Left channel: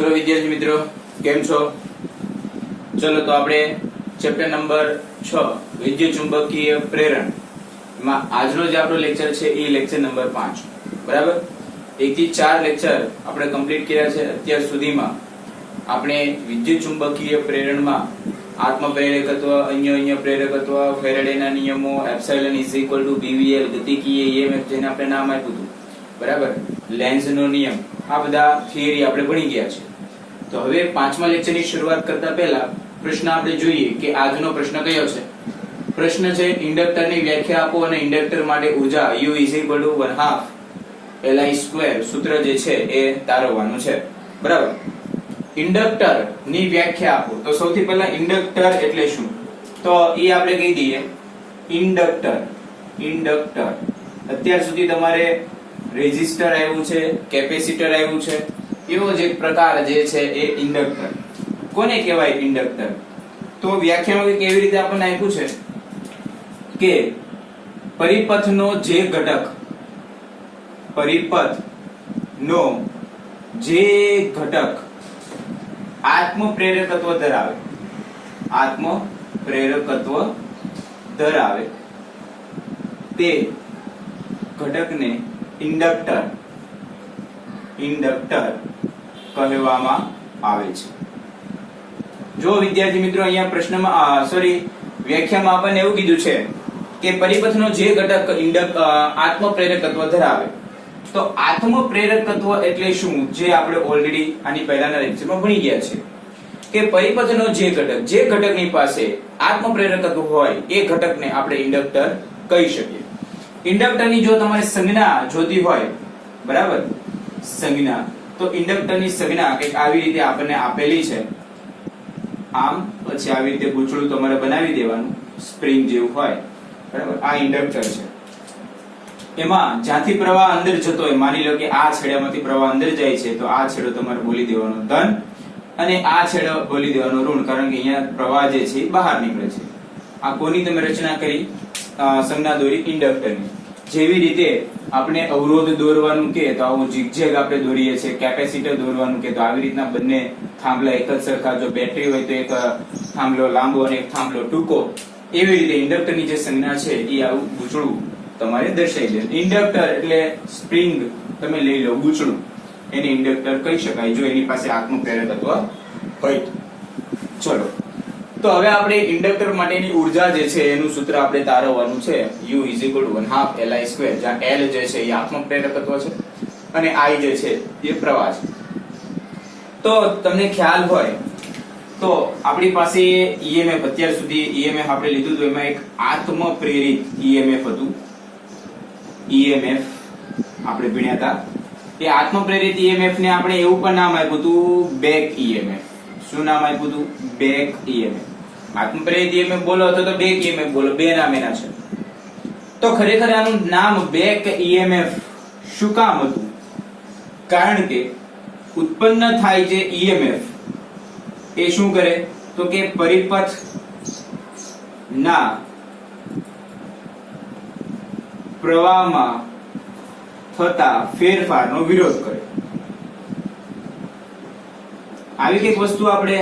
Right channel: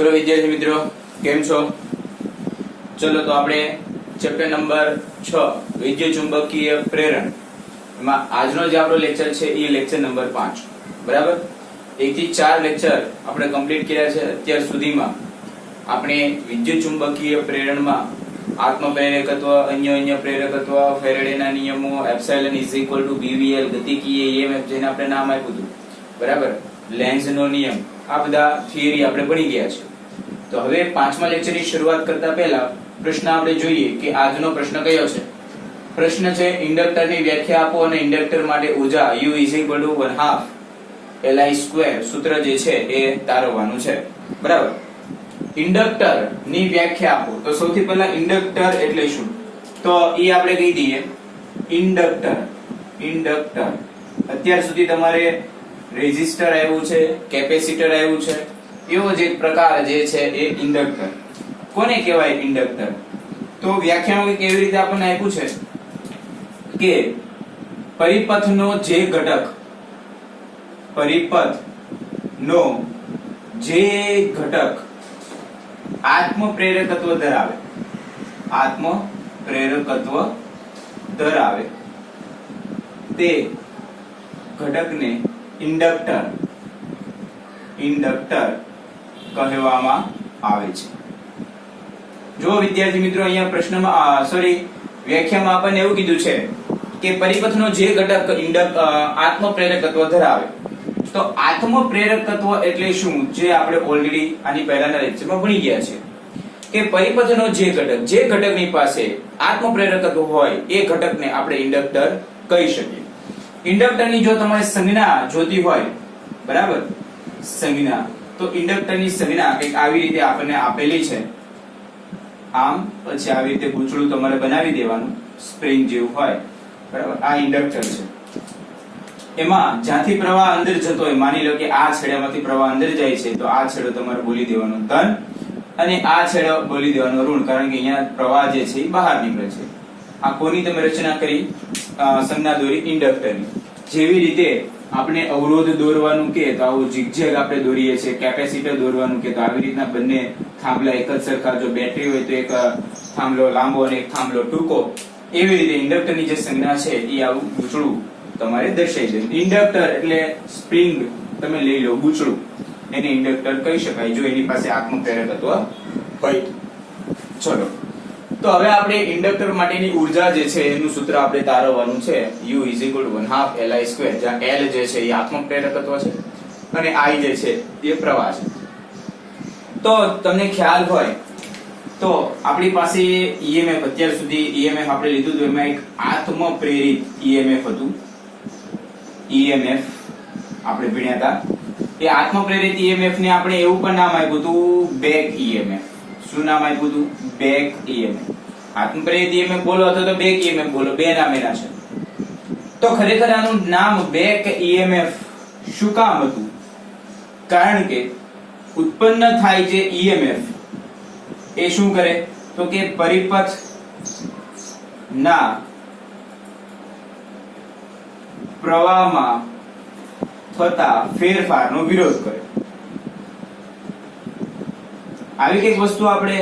ચલો વિદ્યાર્થી મિત્રો, કેમ છો? ચલો તો આપણે ચેપ્ટર નંબર 6 વિદ્યુત ચુંબકીય પ્રેરણ માં આજનો જે આપણો લેક્ચર છે એ લેક્ચર નંબર 5, બરાબર? 1 થી 4 લેક્ચર આપણે કમ્પ્લીટ કર્યા છે. અત્યાર સુધીમાં આપણે વિદ્યુત ચુંબકીય પ્રેરણમાં આત્મપ્રેરકત્વ, અન્ય પ્રેરકત્વ, ફેરેડેના નિયમો, એપ્સિલોન =VVL, ગતિકીય EMF જેને આપણે નામ આપ્યું હતું, બરાબર? લેન્ઝનો નિયમ, આ બધા થિયરી આપણે ભણી ગયા છે. તો હવે 5મા લેક્ચરની શરૂઆત કરતા પહેલા પ્રશ્ન આપણે જોઈએ કે આજનો પ્રશ્ન કયો છે. પ્રશ્ન છે ઇન્ડક્ટરની વ્યાખ્યા આપો અને ઇન્ડક્ટર માટે ઊર્જા U = 1/2 Li², સૂત્ર જે છે એ તારવવાનું છે, બરાબર? ઇન્ડક્ટર ની વ્યાખ્યા આપો. તો સૌથી પહેલા ઇન્ડક્ટર એટલે શું? તો એ આપણે કહી દઈએ. ઇન્ડક્ટર અત્યાર સુધી તમારે રેઝિસ્ટર આવ્યું છે, કેપેસિટર આવ્યું છે, એવો જ એક પ્રકાર જે છે એ ઇન્ડક્ટર. કોને કહેવાય ઇન્ડક્ટર? તો વ્યાખ્યાનો કેવી રીતે આપણને આપ્યું છે કે પરિપથનો જે ઘટક આત્મપ્રેરકત્વ ધરાવે તે ઘટકને ઇન્ડક્ટર કહેવામાં આવે છે. જો વિદ્યાર્થી મિત્રો, અહીંયા પ્રશ્નમાં વ્યાખ્યામાં આપણને એવું કીધું છે કે પરિપથનો જે ઘટક આત્મપ્રેરકત્વ ધરાવે. તો આત્મપ્રેરકત્વ એટલે શું? જે આપણે ઓલરેડી આની પહેલાના લેક્ચરમાં ભણી ગયા છે કે પરિપથનો જે ઘટકની પાસે આત્મપ્રેરકત્વ હોય એ ઘટકને આપણે ઇન્ડક્ટર કહી શકીએ. ઇન્ડક્ટરની જો તમારે સંજ્ઞા જોતી હોય, બરાબર, સંજ્ઞા, તો ઇન્ડક્ટરની સંજ્ઞા કંઈક આવી રીતે આપણને આપેલી છે. આમ પછી આવી રીતે ગૂંચળું તમારે બનાવી દેવાનું, સ્પ્રિંગ જેવું હોય, બરાબર? આ ઇન્ડક્ટર છે. એમાં જ્યાંથી પ્રવાહ અંદર જતો હોય, માની લો કે આ છેડામાંથી પ્રવાહ અંદર જાય છે, તો આ છેડો તમારે બોલી દેવાનો ધન અને આ છેડો બોલી દેવાનો ઋણ, કારણ કે અહીંયા પ્રવાહ જે છે બહાર નીકળે છે. આ કોની તમે રચના કરી? સંજ્ઞા દોરી ઇન્ડક્ટરની. જેવી રીતે આપણે અવરોધ દોરવાનું કે તો આવું ઝિગઝેગ આપણે દોરીએ છીએ, કેપેસિટર દોરવાનું કે તો આવી રીતના બંને થાંભલા એક જ સરખા, જો બેટરી હોય તો એક થાંભલો લાંબો અને એક થાંભલો ટૂંકો, એવી રીતે ઇન્ડક્ટરની જે સંજ્ઞા છે એ આવું ગૂંચળું તમારે દર્શાવી દે. ઇન્ડક્ટર એટલે સ્પ્રિંગ તમે લઈ લો, ગૂંચળું, એને ઇન્ડક્ટર કહી શકાય જો એની પાસે આત્મપ્રેરકત્વ હોય. ચલો તો હવે આપણે ઇન્ડક્ટર માટેની ઉર્જા જે છે એનું સૂત્ર આપણે તારવવાનું છે. U = 1/2 Li², જ્યાં L જે છે એ આત્મપ્રેરકત્વ છે અને I જે છે એ પ્રવાહ છે. તો તમને ખ્યાલ હોય તો આપણી પાસે EMF, અત્યાર સુધી EMF આપણે લીધું હતું, એમાં એક આત્મપ્રેરિત EMF હતું. EMF આપણે ભણ્યા હતા. એ આત્મપ્રેરિત EMF ને આપણે એવું પણ નામ આપ્યું હતું બેક EMF. શું નામ આપ્યું હતું? Back EMF. આત્મપ્રેરિત EMF બોલો અથવા તો બેક EMF બોલો, બે નામ એના છે. તો ખરેખર આનું નામ બેક EMF શું કામ હતું? કારણ કે ઉત્પન્ન થાય જે EMF એ શું કરે? તો કે પરિપથ ના પ્રવાહમાં થતા ફેરફારનો વિરોધ કરે. આવી કઈક વસ્તુ આપણે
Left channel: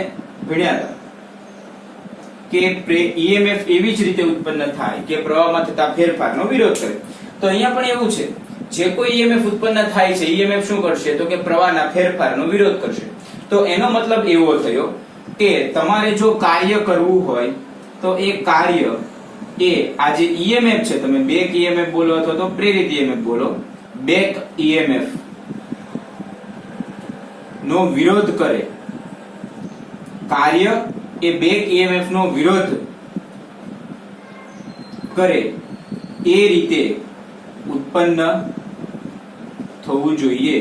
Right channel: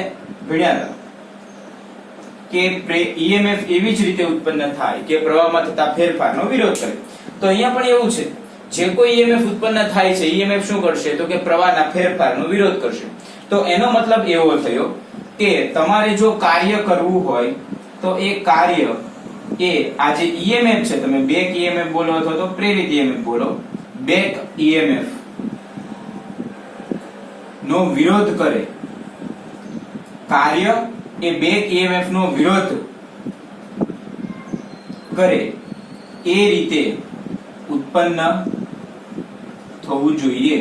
ભણ્યા હતા કે EMF એવી જ રીતે ઉત્પન્ન થાય કે પ્રવાહમાં થતા ફેરફારનો વિરોધ કરે. તો અહીંયા પણ એવું છે, જે કોઈ EMF ઉત્પન્ન થાય છે, EMF શું કરશે? તો કે પ્રવાહના ફેરફારનો વિરોધ કરશે. તો એનો મતલબ એવો થયો કે તમારે જો કાર્ય કરવું હોય તો એ કાર્ય એ આ જે EMF છે, તમે બેક EMF બોલો અથવા તો પ્રેરિત EMF બોલો, બેક EMF નો વિરોધ કરે. કાર્ય એ બેક EMF નો વિરોધ કરે એ રીતે ઉત્પન્ન થવું જોઈએ.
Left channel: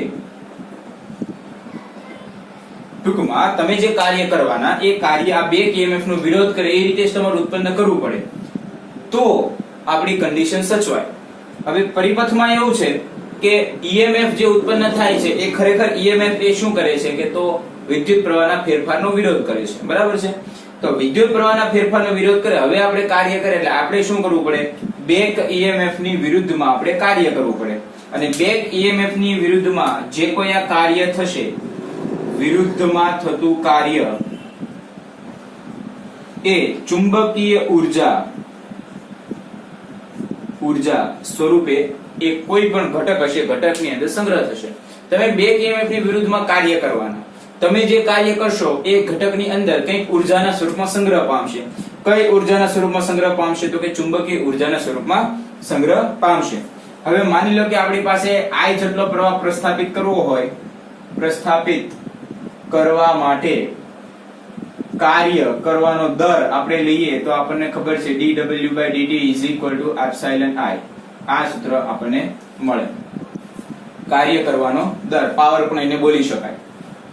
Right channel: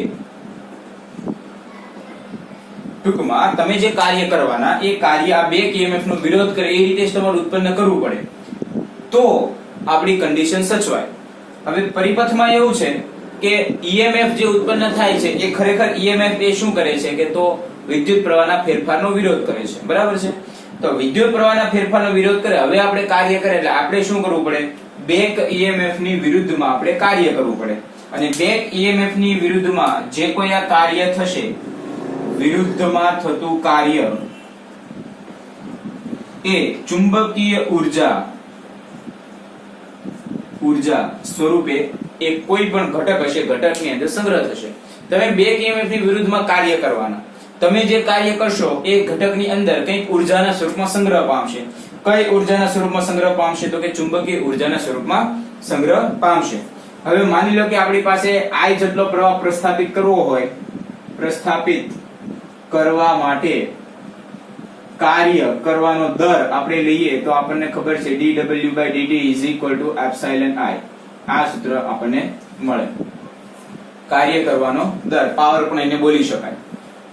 ટૂંકમાં તમે જે કાર્ય કરવાના એ કાર્ય આ બેક EMF નો વિરોધ કરે એ રીતે જ તમારે ઉત્પન્ન કરવું પડે, તો આપણી કન્ડિશન સચવાય. હવે પરિપથમાં એવું છે કે EMF જે ઉત્પન્ન થાય છે એ ખરેખર EMF એ શું કરે છે કે તો વિદ્યુત પ્રવાહના ફેરફારનો વિરોધ કરે છે, બરાબર છે? તો વિદ્યુત પ્રવાહના ફેરફારનો વિરોધ કરે. હવે આપણે કાર્ય કરે એટલે આપણે શું કરવું પડે? બેક EMF ની વિરુદ્ધમાં આપણે કાર્ય કરવું પડે. અને બેક EMF ની વિરુદ્ધમાં જે કોઈ આ કાર્ય થશે વિરુદ્ધમાં થતું કાર્ય એ ચુંબકીય ઉર્જા સ્વરૂપે એ કોઈ પણ ઘટક હશે, ઘટકની અંદર સંગ્રહ થશે. તમે બેક ઈએમએફ ની વિરુદ્ધમાં કાર્ય કરવાના. તમે જે કાર્ય કરશો એ ઘટકની અંદર કંઈક ઉર્જાના સ્વરૂપમાં સંગ્રહ પામશે. કઈ ઉર્જાના સ્વરૂપમાં સંગ્રહ પામશે? તો કે ચુંબકીય ઉર્જાના સ્વરૂપમાં સંગ્રહ પામશે. હવે માની લો કે આપણી પાસે I જેટલો પ્રવાહ પ્રસ્થાપિત કરવો હોય, પ્રસ્થાપિત કરવા માટે કાર્ય કરવાનો દર આપણે લઈએ તો આપણને ખબર છે dW/dt = I. આ સૂત્ર આપણને મળે. કાર્ય કરવાનો દર, પાવર પણ એને બોલી શકાય.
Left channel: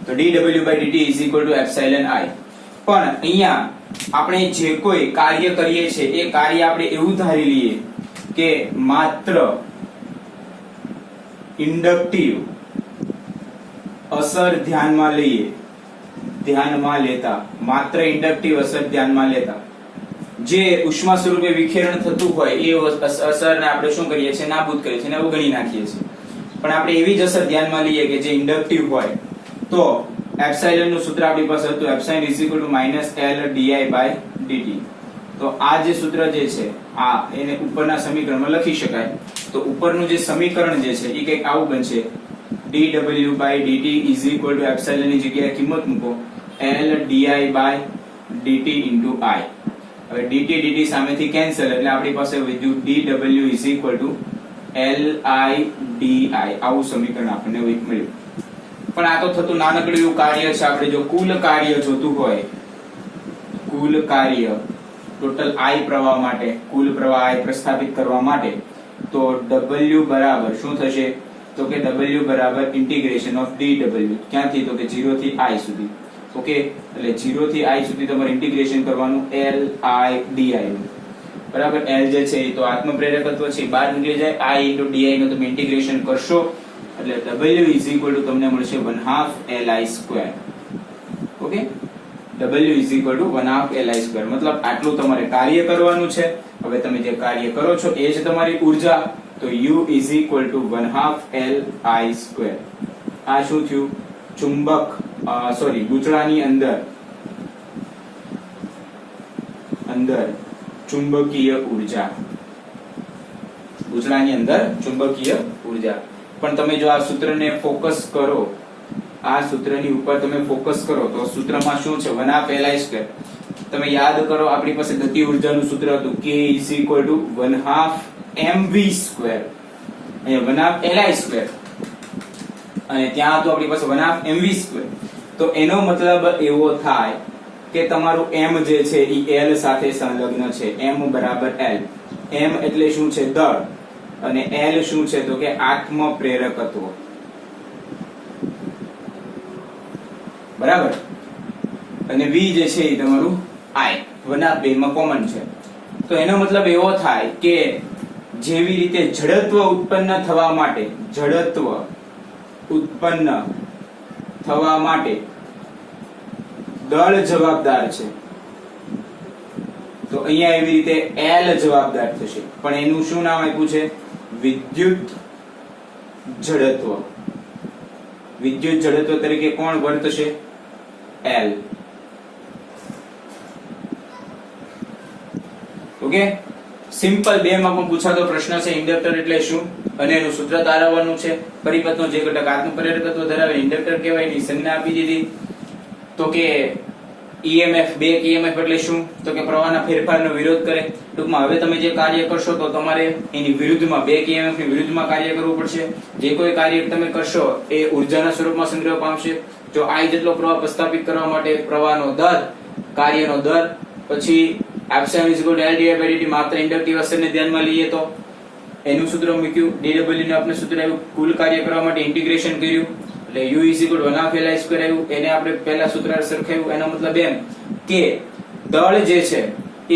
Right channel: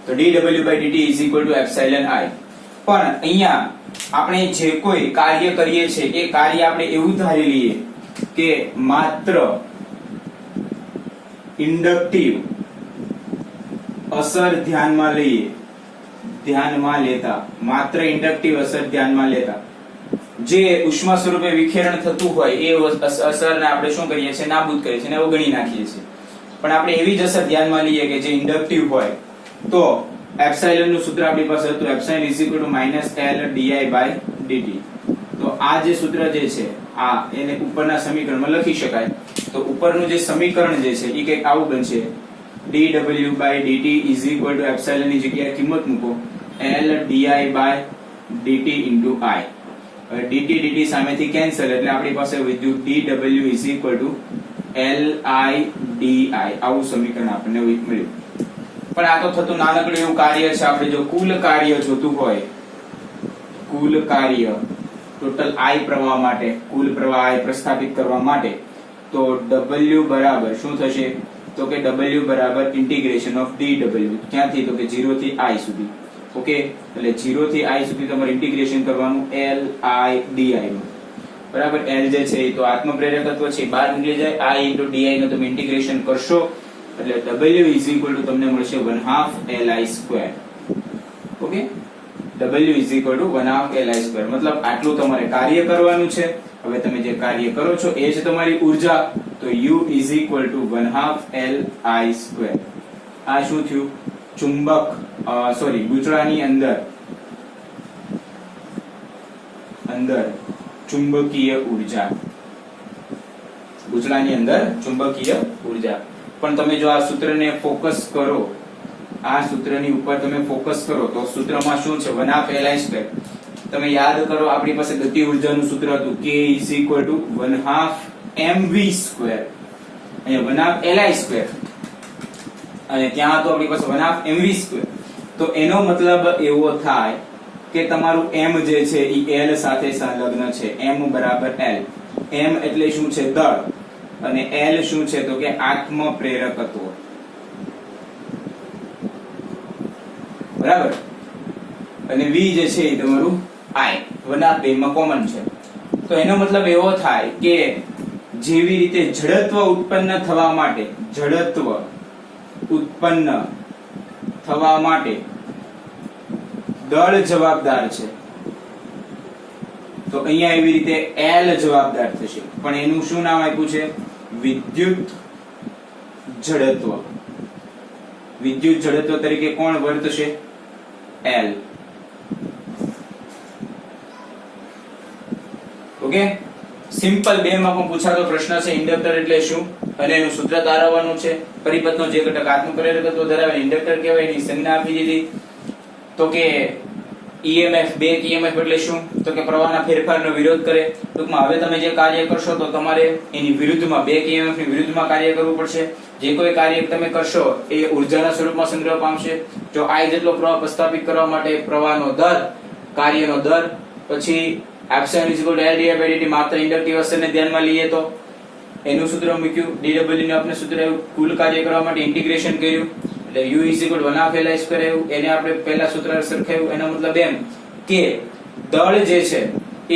તો dW/dt = I. પણ અહીંયા આપણે જે કોઈ કાર્ય કરીએ છીએ એ કાર્ય આપણે એવું ધારી લઈએ કે માત્ર ઇન્ડક્ટિવ અસર ધ્યાનમાં લેતા માત્ર ઇન્ડક્ટિવ અસર ધ્યાનમાં લેતા જે ઉષ્મા સ્વરૂપે વિખેરણ થતું હોય એ અસરને આપણે શું કરીએ છીએ? નાબૂદ કરીએ છીએ, અવગણી નાખીએ છીએ. પણ આપણે એવી જ અસર ધ્યાનમાં લઈએ કે જે ઇન્ડક્ટિવ હોય તો એપ્સિલોન નું સૂત્ર આપણી પાસે હતું એપ્સિલોન - L/di/dt. તો આ જે સૂત્ર જે છે આ એને ઉપરના સમીકરણમાં લખી શકાય. તો ઉપરનું જે સમીકરણ જે છે એ કંઈક આવું બનશે dW/dt = એપ્સિલોન ની જગ્યાએ કિંમત મૂકો L/di/dt × I. હવે dt સામેથી કેન્સલ એટલે આપણી પાસે વધ્યું dW = Li/di. આવું સમીકરણ આપણને મળ્યું. પણ આ તો થતું નાનકડું એવું કાર્ય છે. આપણે જો કુલ કાર્ય જોતું હોય, કુલ કાર્ય ટોટલ I પ્રવાહ માટે, કુલ પ્રવાહ I પ્રસ્થાપિત કરવા માટે તો W બરાબર શું થશે? તો કે W બરાબર ઇન્ટિગ્રેશન ઓફ dW. ક્યાંથી? તો કે 0 થી I સુધી. ઓકે, એટલે 0 થી I સુધી તમારે ઇન્ટિગ્રેશન કરવાનું Li/di નું. બરાબર, L જે છે એ તો આત્મપ્રેરકત્વ છે, બહાર નીકળી જાય. I × di નું તમે ઇન્ટિગ્રેશન કરશો એટલે W = તમને મળશે 1/2 Li². Okay, W = 1/2 Li². મતલબ આટલું તમારે કાર્ય કરવાનું છે. હવે તમે જે કાર્ય કરો છો એ જ તમારી ઉર્જા. તો U = 1/2 Li². આ શું થયું? ગુચડાની અંદર ચુંબકીય ઉર્જા. ગુચડાની અંદર ચુંબકીય ઉર્જા. પણ તમે જો આ સૂત્રને ફોકસ કરો, આ સૂત્રની ઉપર તમે ફોકસ કરો તો સૂત્રમાં શું છે? 1/2 Li². તમે યાદ કરો આપણી પાસે ગતિ ઉર્જાનું સૂત્ર હતું K = 1/2 mv². અહીંયા 1/2 Li². અને ત્યાં તો આપણી પાસે 1/2 mv². તો એનો મતલબ એવો થાય કે તમારું m જે છે એ L સાથે સંલગ્ન છે. m બરાબર L. m એટલે શું છે? દળ. અને L શું છે? તો કે આત્મપ્રેરકત્વ. બરાબર. અને V જે છે એ તમારું I. 1/2 માં કોમન છે. તો એનો મતલબ એવો થાય કે જેવી રીતે જડત્વ ઉત્પન્ન થવા માટે દળ જવાબદાર છે, તો અહીંયા એવી રીતે L જવાબદાર થશે. પણ એનું શું નામ આપ્યું છે? વિદ્યુત જડત્વ. વિદ્યુત જડત્વ તરીકે કોણ વર્તશે? L. ઓકે, સિમ્પલ 2 માં પણ પૂછાતો પ્રશ્ન છે. ઇન્ડક્ટર એટલે શું અને એનું સૂત્ર તારવવાનું છે. પરિપથનો જે ઘટક આત્મપ્રેરકત્વ ધરાવે ઇન્ડક્ટર કહેવાય, એની સંજ્ઞા આપી દીધી. તો કે EMF બેક EMF એટલે શું? તો કે પ્રવાહના ફેરફારનો વિરોધ કરે. ટૂંકમાં હવે તમે જે કાર્ય કરશો તો તમારે એની વિરુદ્ધમાં, બેક EMF ની વિરુદ્ધમાં કાર્ય કરવું પડશે. જે કોઈ કાર્ય તમે કરશો એ ઉર્જાના સ્વરૂપમાં સંગ્રહ પામશે. જો I જેટલો પ્રવાહ પ્રસ્થાપિત કરવા માટે પ્રવાહનો દર, કાર્યનો દર, પછી એપ્સિલોન = L/di/dt માત્ર ઇન્ડક્ટિવ અસરને ધ્યાનમાં લઈએ તો એનું સૂત્ર મૂક્યું. dW નું આપણે સૂત્ર આવ્યું. કુલ કાર્ય કરવા માટે ઇન્ટિગ્રેશન કર્યું એટલે U = 1/2 Li² આવ્યું. એને આપણે પહેલા સૂત્ર સરખાવ્યું. એનો મતલબ એમ કે દળ જે છે એ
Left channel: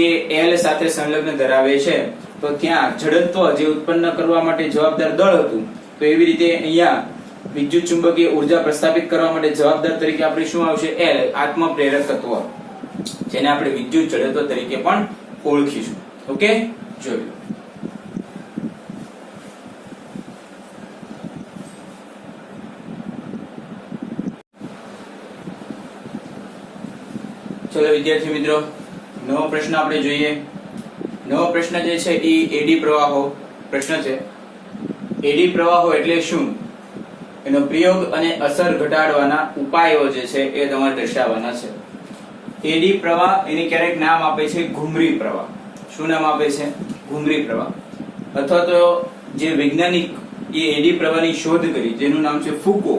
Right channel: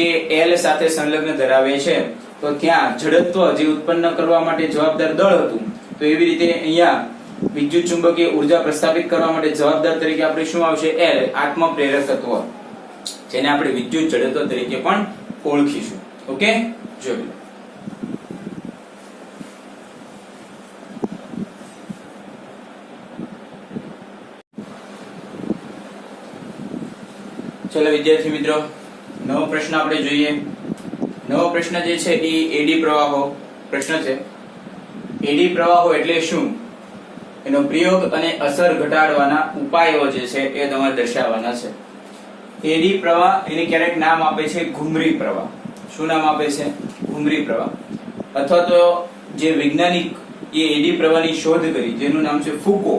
L સાથે સંલગ્ન ધરાવે છે. તો ત્યાં જડત્વ જે ઉત્પન્ન કરવા માટે જવાબદાર દળ હતું, તો એવી રીતે અહીંયા વિદ્યુત ચુંબકીય ઉર્જા પ્રસ્થાપિત કરવા માટે જવાબદાર તરીકે આપણે શું આવશે? L. આત્મપ્રેરકત્વ, જેને આપણે વિદ્યુત જડત્વ તરીકે પણ ઓળખીશું. ઓકે, જોયું. ચલો વિદ્યાર્થી મિત્રો, નવો પ્રશ્ન આપણે જોઈએ. નવો પ્રશ્ન જે છે એ એડી પ્રવાહો પ્રશ્ન છે. એડી પ્રવાહો એટલે શું, એનો પ્રયોગ અને અસર ઘટાડવાના ઉપાયો જે છે એ તમારે દર્શાવવાના છે. એડી પ્રવાહ એની ક્યારેક નામ આપે છે ઘુમરી પ્રવાહ. શું નામ આપે છે? ઘુમરી પ્રવાહ. અથવા તો જે વૈજ્ઞાનિક એ એડી પ્રવાહની શોધ કરી જેનું નામ છે ફુકો.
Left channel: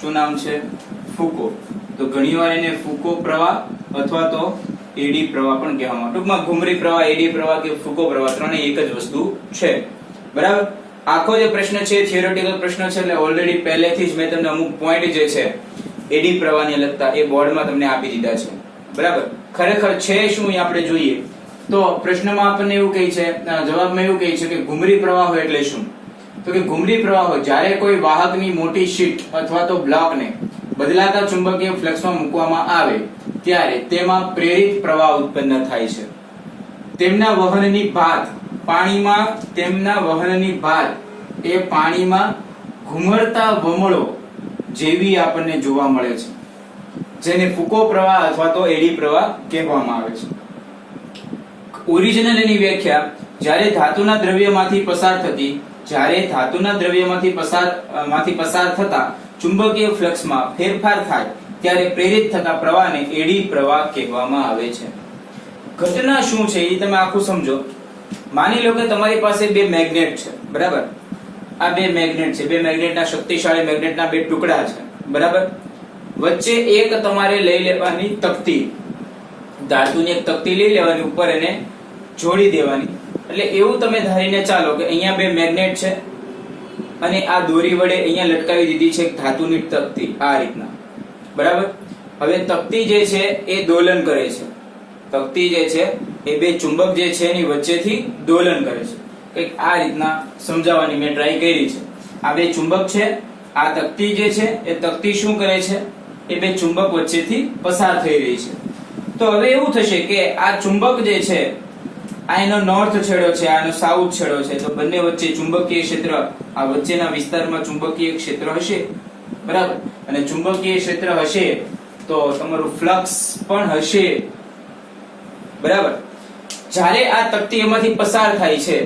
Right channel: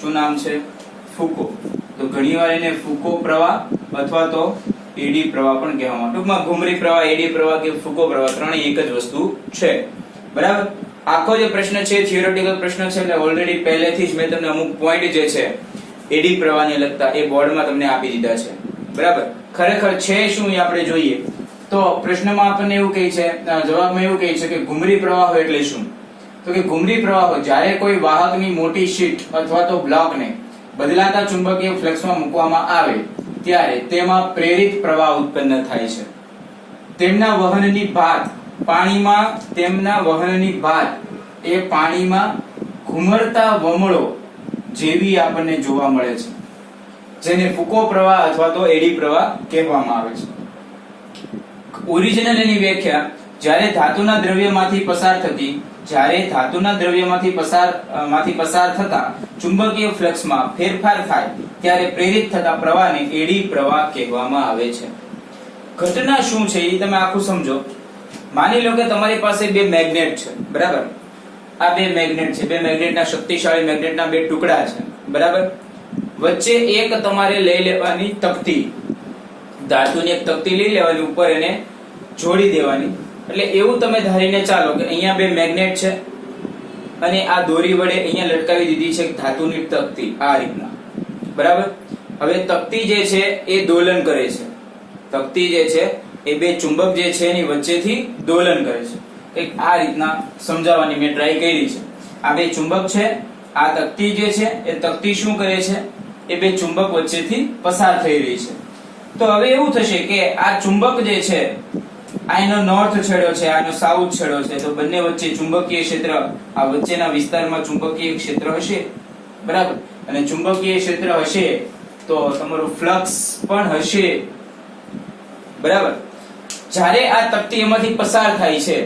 શું નામ છે? ફુકો. તો ઘણીવાર એને ફુકો પ્રવાહ અથવા તો એડી પ્રવાહ પણ કહેવામાં. ટૂંકમાં ઘુમરી પ્રવાહ, એડી પ્રવાહ કે ફુકો પ્રવાહ ત્રણેય એક જ વસ્તુ છે. બરાબર. આખો જે પ્રશ્ન છે થિયોરેટિકલ પ્રશ્ન છે, એટલે ઓલરેડી પહેલેથી જ મેં તમને અમુક પોઈન્ટ જે છે એડી પ્રવાહને લગતા એ બોર્ડમાં તમને આપી દીધા છે. બરાબર. ખરેખર છે શું એ આપણે જોઈએ. તો પ્રશ્નમાં આપણને એવું કહે છે, જવાબમાં એવું કહે છે કે ઘુમરી પ્રવાહો એટલે શું? તો કે ઘુમરી પ્રવાહો જ્યારે કોઈ વાહકની મોટી શીટ અથવા તો બ્લોકને બદલાતા ચુંબકીય ફ્લક્સમાં મૂકવામાં આવે ત્યારે તેમાં પ્રેરિત પ્રવાહ ઉત્પન્ન થાય છે. તેમના વહનની ભાત એ પાણીમાં ઘુમરતા વમળો જેવી આપણને જોવા મળે છે, જેને ફુકો પ્રવાહ અથવા તો એડી પ્રવાહ કહેવામાં આવે છે. ઓરિજિનલ એની વ્યાખ્યા જ્યારે ધાતુના દ્રવ્યમાંથી પસાર થતા ચુંબકીય ફ્લક્સમાં ફેરફાર થાય ત્યારે પ્રેરિત થતા પ્રવાહને એડી પ્રવાહ કહેવામાં આવે છે. ઘટના શું છે એ તમે આખું સમજો. માની લો કે તમારી પાસે બે મેગ્નેટ છે. બરાબર. આ બે મેગ્નેટ છે. બે મેગ્નેટના શક્તિશાળી મેગ્નેટના બે ટુકડા છે. બરાબર. વચ્ચે એક તમારે લઈ લેવાની તકતી, ધાતુની એક તકતી લઈ લેવાની, ઉપર એને જોડી દેવાની. એટલે એવું તમે ધારીને ચાલો કે અહીંયા બે મેગ્નેટ છે અને આ દોરી વડે અહીંયા લટકાવી દીધી છે ધાતુની તકતી આ રીતના. બરાબર. હવે તકતી જે છે એ દોલન કરે છે. તકતી જે છે એ બે ચુંબક જે છે એની વચ્ચેથી દોલન કરે છે. એક આ રીતના સમજાવવાની મેં ટ્રાય કરી છે. આ બે ચુંબક છે, આ તકતી જે છે એ તકતી શું કરે છે, એ બે ચુંબક વચ્ચેથી પસાર થઈ રહી છે. તો હવે એવું થશે કે આ ચુંબક જે છે આ એનો નોર્થ છેડો છે, આનો સાઉથ છેડો છે. તો બંને વચ્ચે ચુંબકીય ક્ષેત્ર, આ વચ્ચેના વિસ્તારમાં ચુંબકીય ક્ષેત્ર હશે. બરાબર. અને ચુંબકીય ક્ષેત્ર હશે તો તમારું ફ્લક્સ પણ હશે. બરાબર. જ્યારે આ તકતી એમાંથી પસાર થાય છે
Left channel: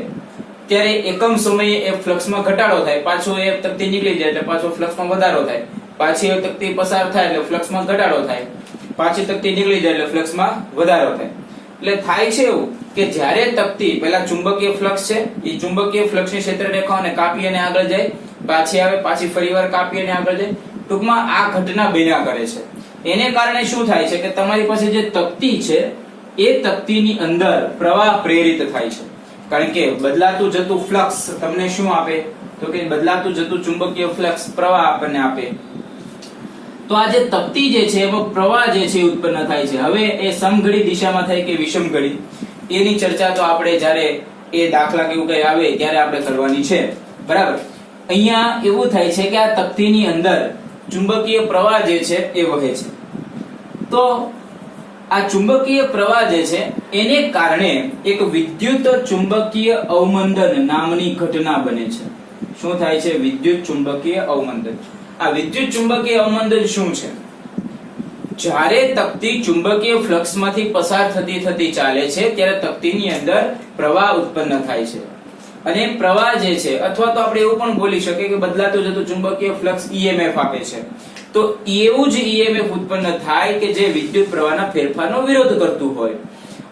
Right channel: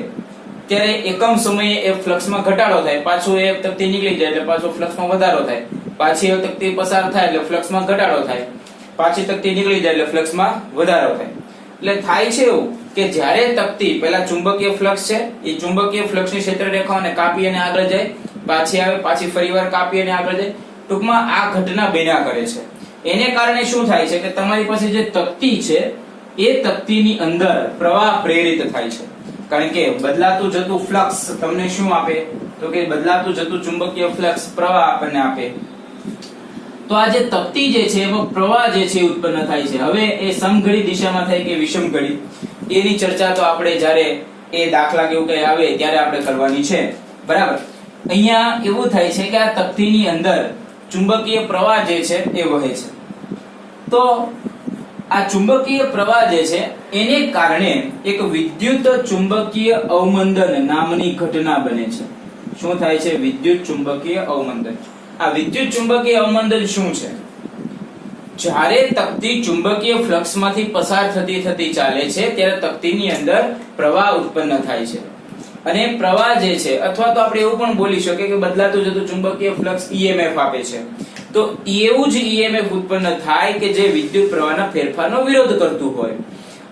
ત્યારે એકમ સમયે એ ફ્લક્સમાં ઘટાડો થાય, પાછું એ તકતી નીકળી જાય એટલે પાછો ફ્લક્સમાં વધારો થાય, પાછી એ તકતી પસાર થાય એટલે ફ્લક્સમાં ઘટાડો થાય, પાછી તકતી નીકળી જાય એટલે ફ્લક્સમાં વધારો થાય. એટલે થાય છે એવું કે જ્યારે તકતી પહેલા ચુંબકીય ફ્લક્સ છે એ ચુંબકીય ફ્લક્સની ક્ષેત્ર રેખાઓને કાપી અને આગળ જાય, પાછી આવે, પાછી ફરીવાર કાપી અને આગળ જાય. ટૂંકમાં આ ઘટના બન્યા કરે છે. એને કારણે શું થાય છે કે તમારી પાસે જે તકતી છે એ તકતીની અંદર પ્રવાહ પ્રેરિત થાય છે. કારણ કે બદલાતું જતું ફ્લક્સ તમને શું આપે? તો કે બદલાતું જતું ચુંબકીય ફ્લક્સ પ્રવાહ આપણને આપે. તો આ જે તકતી જે છે એમાં પ્રવાહ જે છે ઉત્પન્ન થાય છે. હવે એ સમઘડી દિશામાં થાય કે વિષમ ઘડી એની ચર્ચા તો આપણે જ્યારે એ દાખલા કેવું કઈ આવે ત્યારે આપણે કરવાની છે. બરાબર. અહીંયા એવું થાય છે કે આ તકતીની અંદર ચુંબકીય પ્રવાહ જે છે એ વહે છે. તો આ ચુંબકીય પ્રવાહ જે છે એને કારણે એક વિદ્યુત ચુંબકીય અવમંદન નામની ઘટના બને છે. શું થાય છે? વિદ્યુત ચુંબકીય અવમંદન. આ વિદ્યુત ચુંબકીય અવમંદન શું છે? જ્યારે તકતી ચુંબકીય ફ્લક્સમાંથી પસાર થતી ચાલે છે ત્યારે તકતીની અંદર પ્રવાહ ઉત્પન્ન થાય છે. અને પ્રવાહ જે છે, અથવા તો આપણે એવું પણ બોલી શકીએ કે બદલાતું જતું ચુંબકીય ફ્લક્સ EMF આપે છે. તો એવું જ EMF ઉત્પન્ન થાય કે જે વિદ્યુત પ્રવાહના ફેરફારનો વિરોધ કરતું હોય.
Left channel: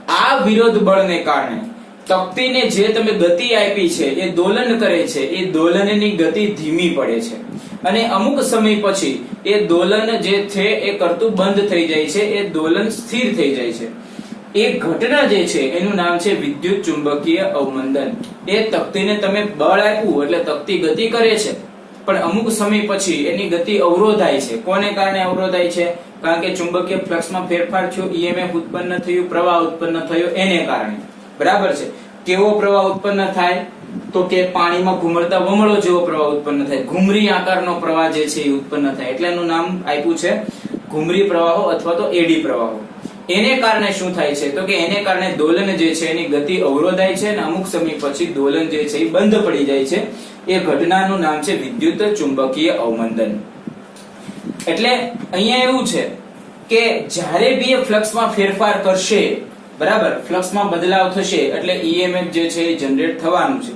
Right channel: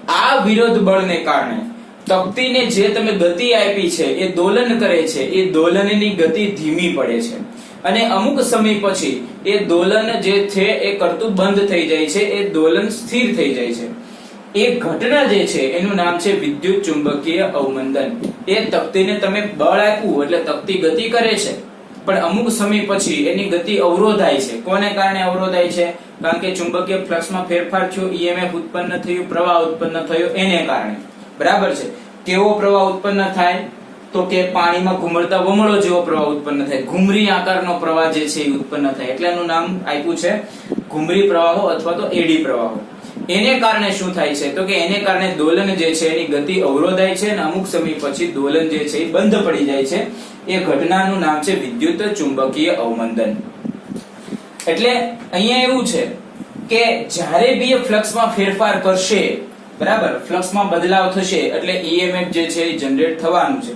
આ વિરોધ બળને કારણે તકતીને જે તમે ગતિ આપી છે એ દોલન કરે છે, એ દોલનની ગતિ ધીમી પડે છે અને અમુક સમય પછી એ દોલન જે છે એ કરતું બંધ થઈ જાય છે, એ દોલન સ્થિર થઈ જાય છે. એ ઘટના જે છે એનું નામ છે વિદ્યુત ચુંબકીય અવમંદન. એ તકતીને તમે બળ આપ્યું એટલે તકતી ગતિ કરે છે, પણ અમુક સમય પછી એની ગતિ અવરોધાય છે. કોને કારણે અવરોધાય છે? કારણ કે ચુંબકીય ફ્લક્સમાં ફેરફાર થયો, EMF ઉત્પન્ન થયું, પ્રવાહ ઉત્પન્ન થયો એને કારણે. બરાબર છે. કેવો પ્રવાહ ઉત્પન્ન થાય? તો કે પાણીમાં ઘુમરતા વમળો જેવો પ્રવાહ ઉત્પન્ન થાય, ઘુમરી આકારનો પ્રવાહ જે છે એ ઉત્પન્ન થાય. એટલે એનું નામ આપ્યું છે ઘુમરી પ્રવાહો અથવા તો એડી પ્રવાહો. એને કારણે શું થાય છે? તો કે એને કારણે દોલન જે છે એની ગતિ અવરોધાય છે અને અમુક સમય પછી દોલન જે છે એ બંધ પડી જાય છે. એ ઘટનાનું નામ છે વિદ્યુત ચુંબકીય અવમંદન. એટલે અહીંયા એવું છે કે જ્યારે બી એ ફ્લક્સમાં ફેરફાર કરશે, બરાબર, ફ્લક્સમાં બદલાવ થશે એટલે ઈએમએફ જે છે એ જનરેટ થવાનું છે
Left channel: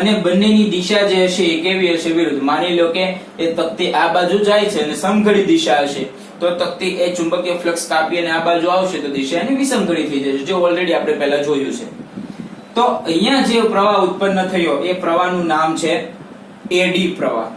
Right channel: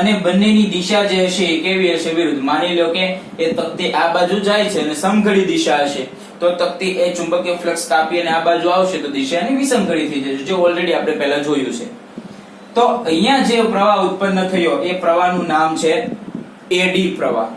અને બંનેની દિશા જે હશે એ કેવી હશે? વિરુદ્ધ. માની લો કે એ તકતી આ બાજુ જાય છે અને સમઘડી દિશા હશે તો તકતી એ ચુંબકીય ફ્લક્સ કાપી અને આ બાજુ આવશે તો દિશા એની વિષમઘડી થઈ જશે, જે ઓલરેડી આપણે પહેલા જોયું છે. તો અહીંયા જે પ્રવાહ ઉત્પન્ન થયો એ પ્રવાહનું નામ છે એડી પ્રવાહ.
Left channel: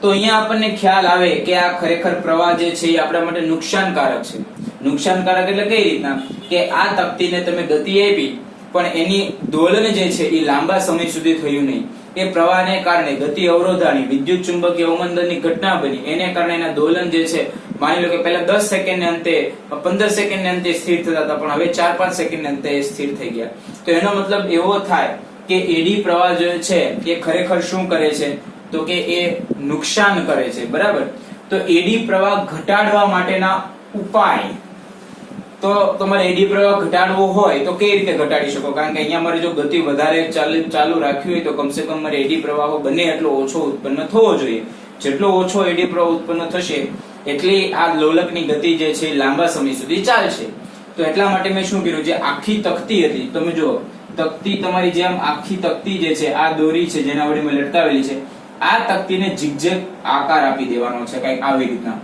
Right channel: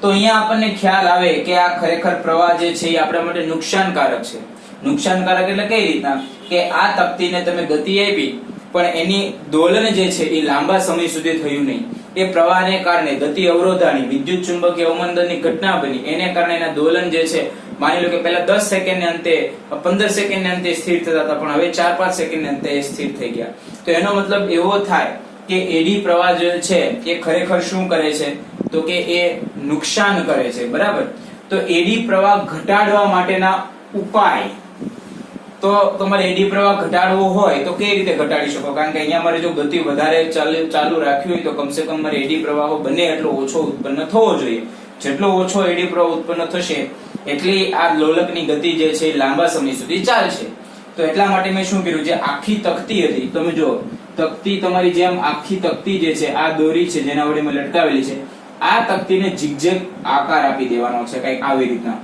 તો અહીંયા આપણને ખ્યાલ આવે કે આ ખરેખર પ્રવાહ જે છે એ આપણા માટે નુકસાનકારક છે. નુકસાનકારક એટલે કઈ રીતના કે આ તકતીને તમે ગતિ આપી પણ એની દોલન જે છે એ લાંબા સમય સુધી થયું નહીં. એ પ્રવાહને કારણે ગતિ અવરોધાની વિદ્યુત ચુંબકીય અવમંદનની ઘટના બની, એને કારણે એના દોલન જે છે માની લો કે પહેલા 10 સેકન્ડને અંતે 15 સેકન્ડને અંતે સ્થિર થતા હતા પણ હવે 4-5 સેકન્ડને અંતે સ્થિર થઈ ગયા. તો એનો મતલબ એવો થાય કે એડી પ્રવાહ જે છે એ ખરેખર શું કરે છે? તો કે એ નુકસાન કરે છે, બરાબર. તો એડી પ્રવાહ ઘટાડવા માટેના ઉપાય, તો તમારે એડી પ્રવાહ ઘટાડવો હોય તો કઈ રીતે ઘટાડી શકો? કારણ કે અહીંયા મારે જો ગતિ વધારે ચાલુ રાખવી હોય તો કમસે કમ મારે એડી પ્રવાહો બને એટલો ઓછો ઉત્પન્ન થવો જોઈએ. જેટલો ઓછો એડી પ્રવાહ ઉત્પન્ન થશે એટલી આ લોલકની ગતિ જે છે લાંબા સમય સુધી ચાલશે. તો એટલા માટે મેં શું કર્યું, જે આખી તકતી હતી, તમે જુઓ તકતી તમારી જેમ આખી તકતી જે છે આ દોરી છે જેના વડે મેં લટકાવેલી છે, આ તકતીને ઝિગઝેગ આકાર આપી દેવાનો છે, કઈક આવી રીતના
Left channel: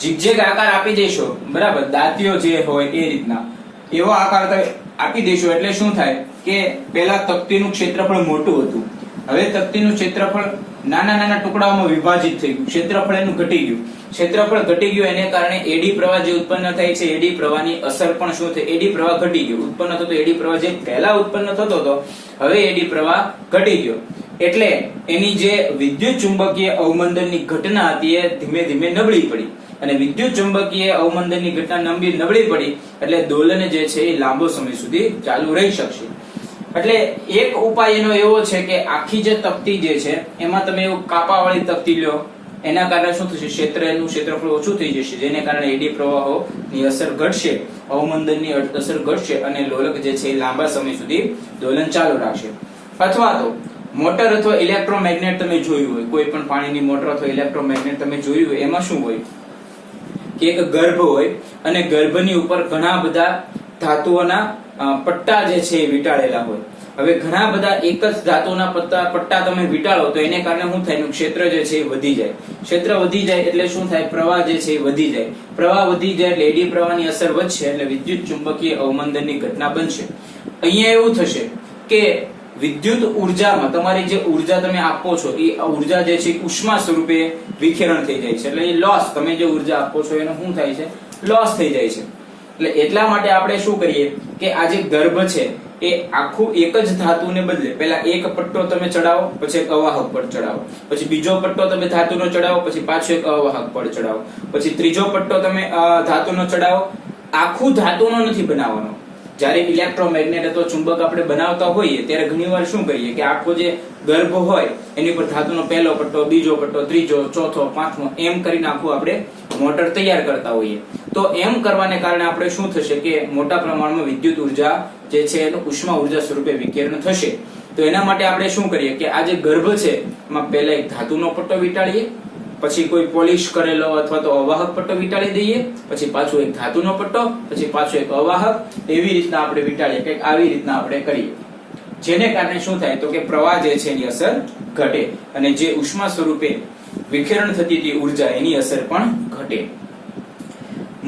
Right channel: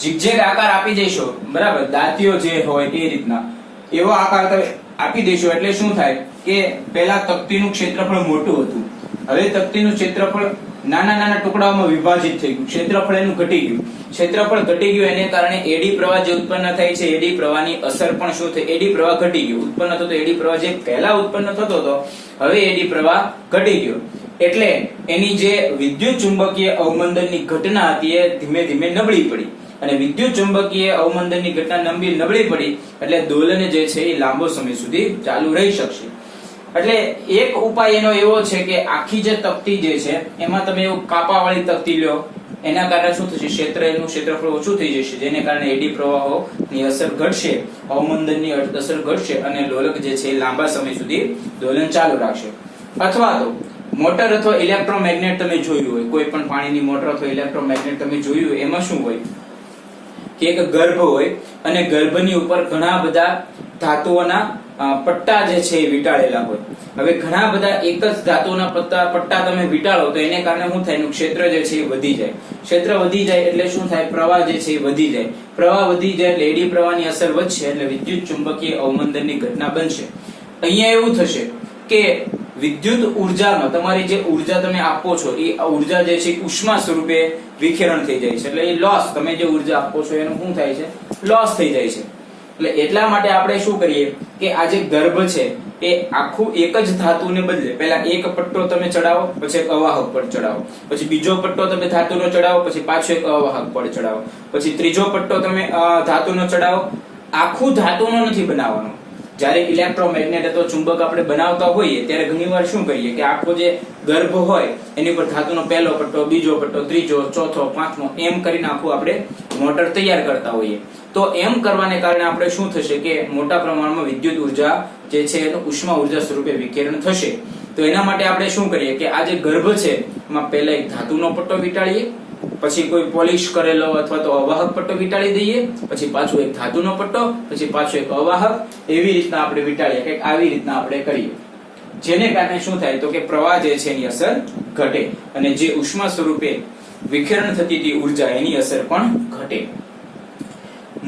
ઝિગઝેગ આકાર આપી દેશો, બરાબર, દાંતીઓ જે હોય એ રીતના એવો આકાર આપી દેશો એટલે શું થાય કે પહેલા તકતીનું ક્ષેત્રફળ મોટું હતું, હવે તકતીનું ક્ષેત્રફળ નાના નાના ટુકડાઓમાં વિભાજિત થઈ ગયું, ક્ષેત્રફળ એનું ઘટી ગયું. ક્ષેત્રફળ ઘટી ગયું એને કારણે એડી પ્રવાહ જે ઉત્પન્ન થાય છે એડી પ્રવાહની અસર પણ શું થઈ? એડી પ્રવાહ ઘટી ગયું. ઉત્પન્ન થતો એડી પ્રવાહ જે પહેલા ઉત્પન્ન થતો હતો હવે એડી પ્રવાહ ઘટી ગયો. એટલે એની જે વિદ્યુત ચુંબકીય અવમંદનની ઘટના હતી એ ધીમે ધીમે નબળી પડી અને વિદ્યુત ચુંબકીય અવમંદનની ઘટના નબળી પડી એટલે દોલન જે છે એ લાંબો સમય સુધી ચાલુ રહી શકશે. એટલે એક ઉપાય એનો એવો છે કે આખી જે તકતી જે છે એમાં તમે એવું કાપાવાળી તકતી લ્યો, એના કારણે શું થશે? એનું ક્ષેત્રફળ ઓછું થઈ જશે, જેને કારણે એડી પ્રવાહોની અસર ઘટશે, અવમંદનની અસર ઘટશે અને લોલક જે છે લાંબા સમય સુધી દોલન ચાલુ રાખશે. અથવા તો મોટર અથવા ઇલેક્ટ્રોમેગ્નેટ તમે જોયું હોય, કોઈ પણ પાણીની મોટર અથવા ઇલેક્ટ્રોમેગ્નેટ તમે જોયું હોય, એમાં શું હોય કે એક ગર્ભ હોય અને ગર્ભની ઉપર ઘણા બધા ધાતુઓના પટ્ટા જે છે એ વીંટાળેલા હોય. હવે ઘણા બધા એક જ ધાતુના પટ્ટા તમે વીંટાળો તો એને કારણે શું થાય? ક્ષેત્ર જે છે એ વધી જાય. ક્ષેત્ર વધી જાય એટલે શું થાય? પ્રવાહ જે છે એ વધી જાય. પ્રવાહ વધી જાય એટલે એડી પ્રવાહની અસર વધશે એટલે વિદ્યુત ચુંબકીય અવમંદનની ઘટના બનશે. અહીંયા એવું થશે કે વિદ્યુત ઉર્જામાં તમારી જે ઉર્જા તમે આપો છો એ ઉર્જા જે છે ઉષ્મા સ્વરૂપે વિખેરણ થઈ જાય છે, એટલે એ લોસ, તમે જે ઉર્જા આપો છો એનું શું થાય છે? લોસ થઈ જાય છે. એટલે એટલા માટે આપણે શું કરીએ કે આ જે ગર્ભ છે એ આખું એક જ ધાતુને બદલે પહેલા એક પટ્ટો તમે ચડાવો, પછી એક અવાહક પડ ચડાવો, પછી બીજો પટ્ટો તમે ધાતુનો ચડાવો, પછી પાછો એક અવાહક પડ ચડાવો, પછી ત્રીજો પટ્ટો તમે ધાતુનો ચડાવો. આખું ધાતુનો નથી બનાવવાનો. જ્યારે ઇલેક્ટ્રોમેગ્નેટ અથવા ચુંબક આપણે બનાવતા હોઈએ ત્યારે ઘણીવાર શું કરીએ કે આખો જે ગર્ભ હોય એની પર ધાતુનો પહેલો પટ્ટો, બીજો પટ્ટો, ત્રીજો, ચોથો, પાંચમો એમ કરીને આખું આપણે મોટર તૈયાર કરતા હોઈએ. તો એમ કરવાને કારણે આપણે શું થશે કે મોટા પ્રમાણમાં વિદ્યુત ઉર્જા જે છે એનું ઉષ્મા ઉર્જા સ્વરૂપે વિકિરણ થશે. તો એના માટે આપણે શું કરીએ કે આ જે ગર્ભ છે એમાં પહેલા એક ધાતુનો પટ્ટો વીંટાળીએ, પછી કોઈ પોલિશ કરેલો અથવા તો અવાહક પટ્ટો વીંટાળી દઈએ, પછી પાછો એક ધાતુનો પટ્ટો, પછી પાછો એક અવાહક, એવી રીતના આપણે વીંટાળીએ. કંઈક આવી રીતના આપણે કરીએ, જેને કારણે શું થાય તો કે પ્રવાહ જે છે એની અસર ઘટે અને જે ઉષ્મા સ્વરૂપે વિખેરણ થતી હતી ઉર્જા એની અસર પણ ઘટે.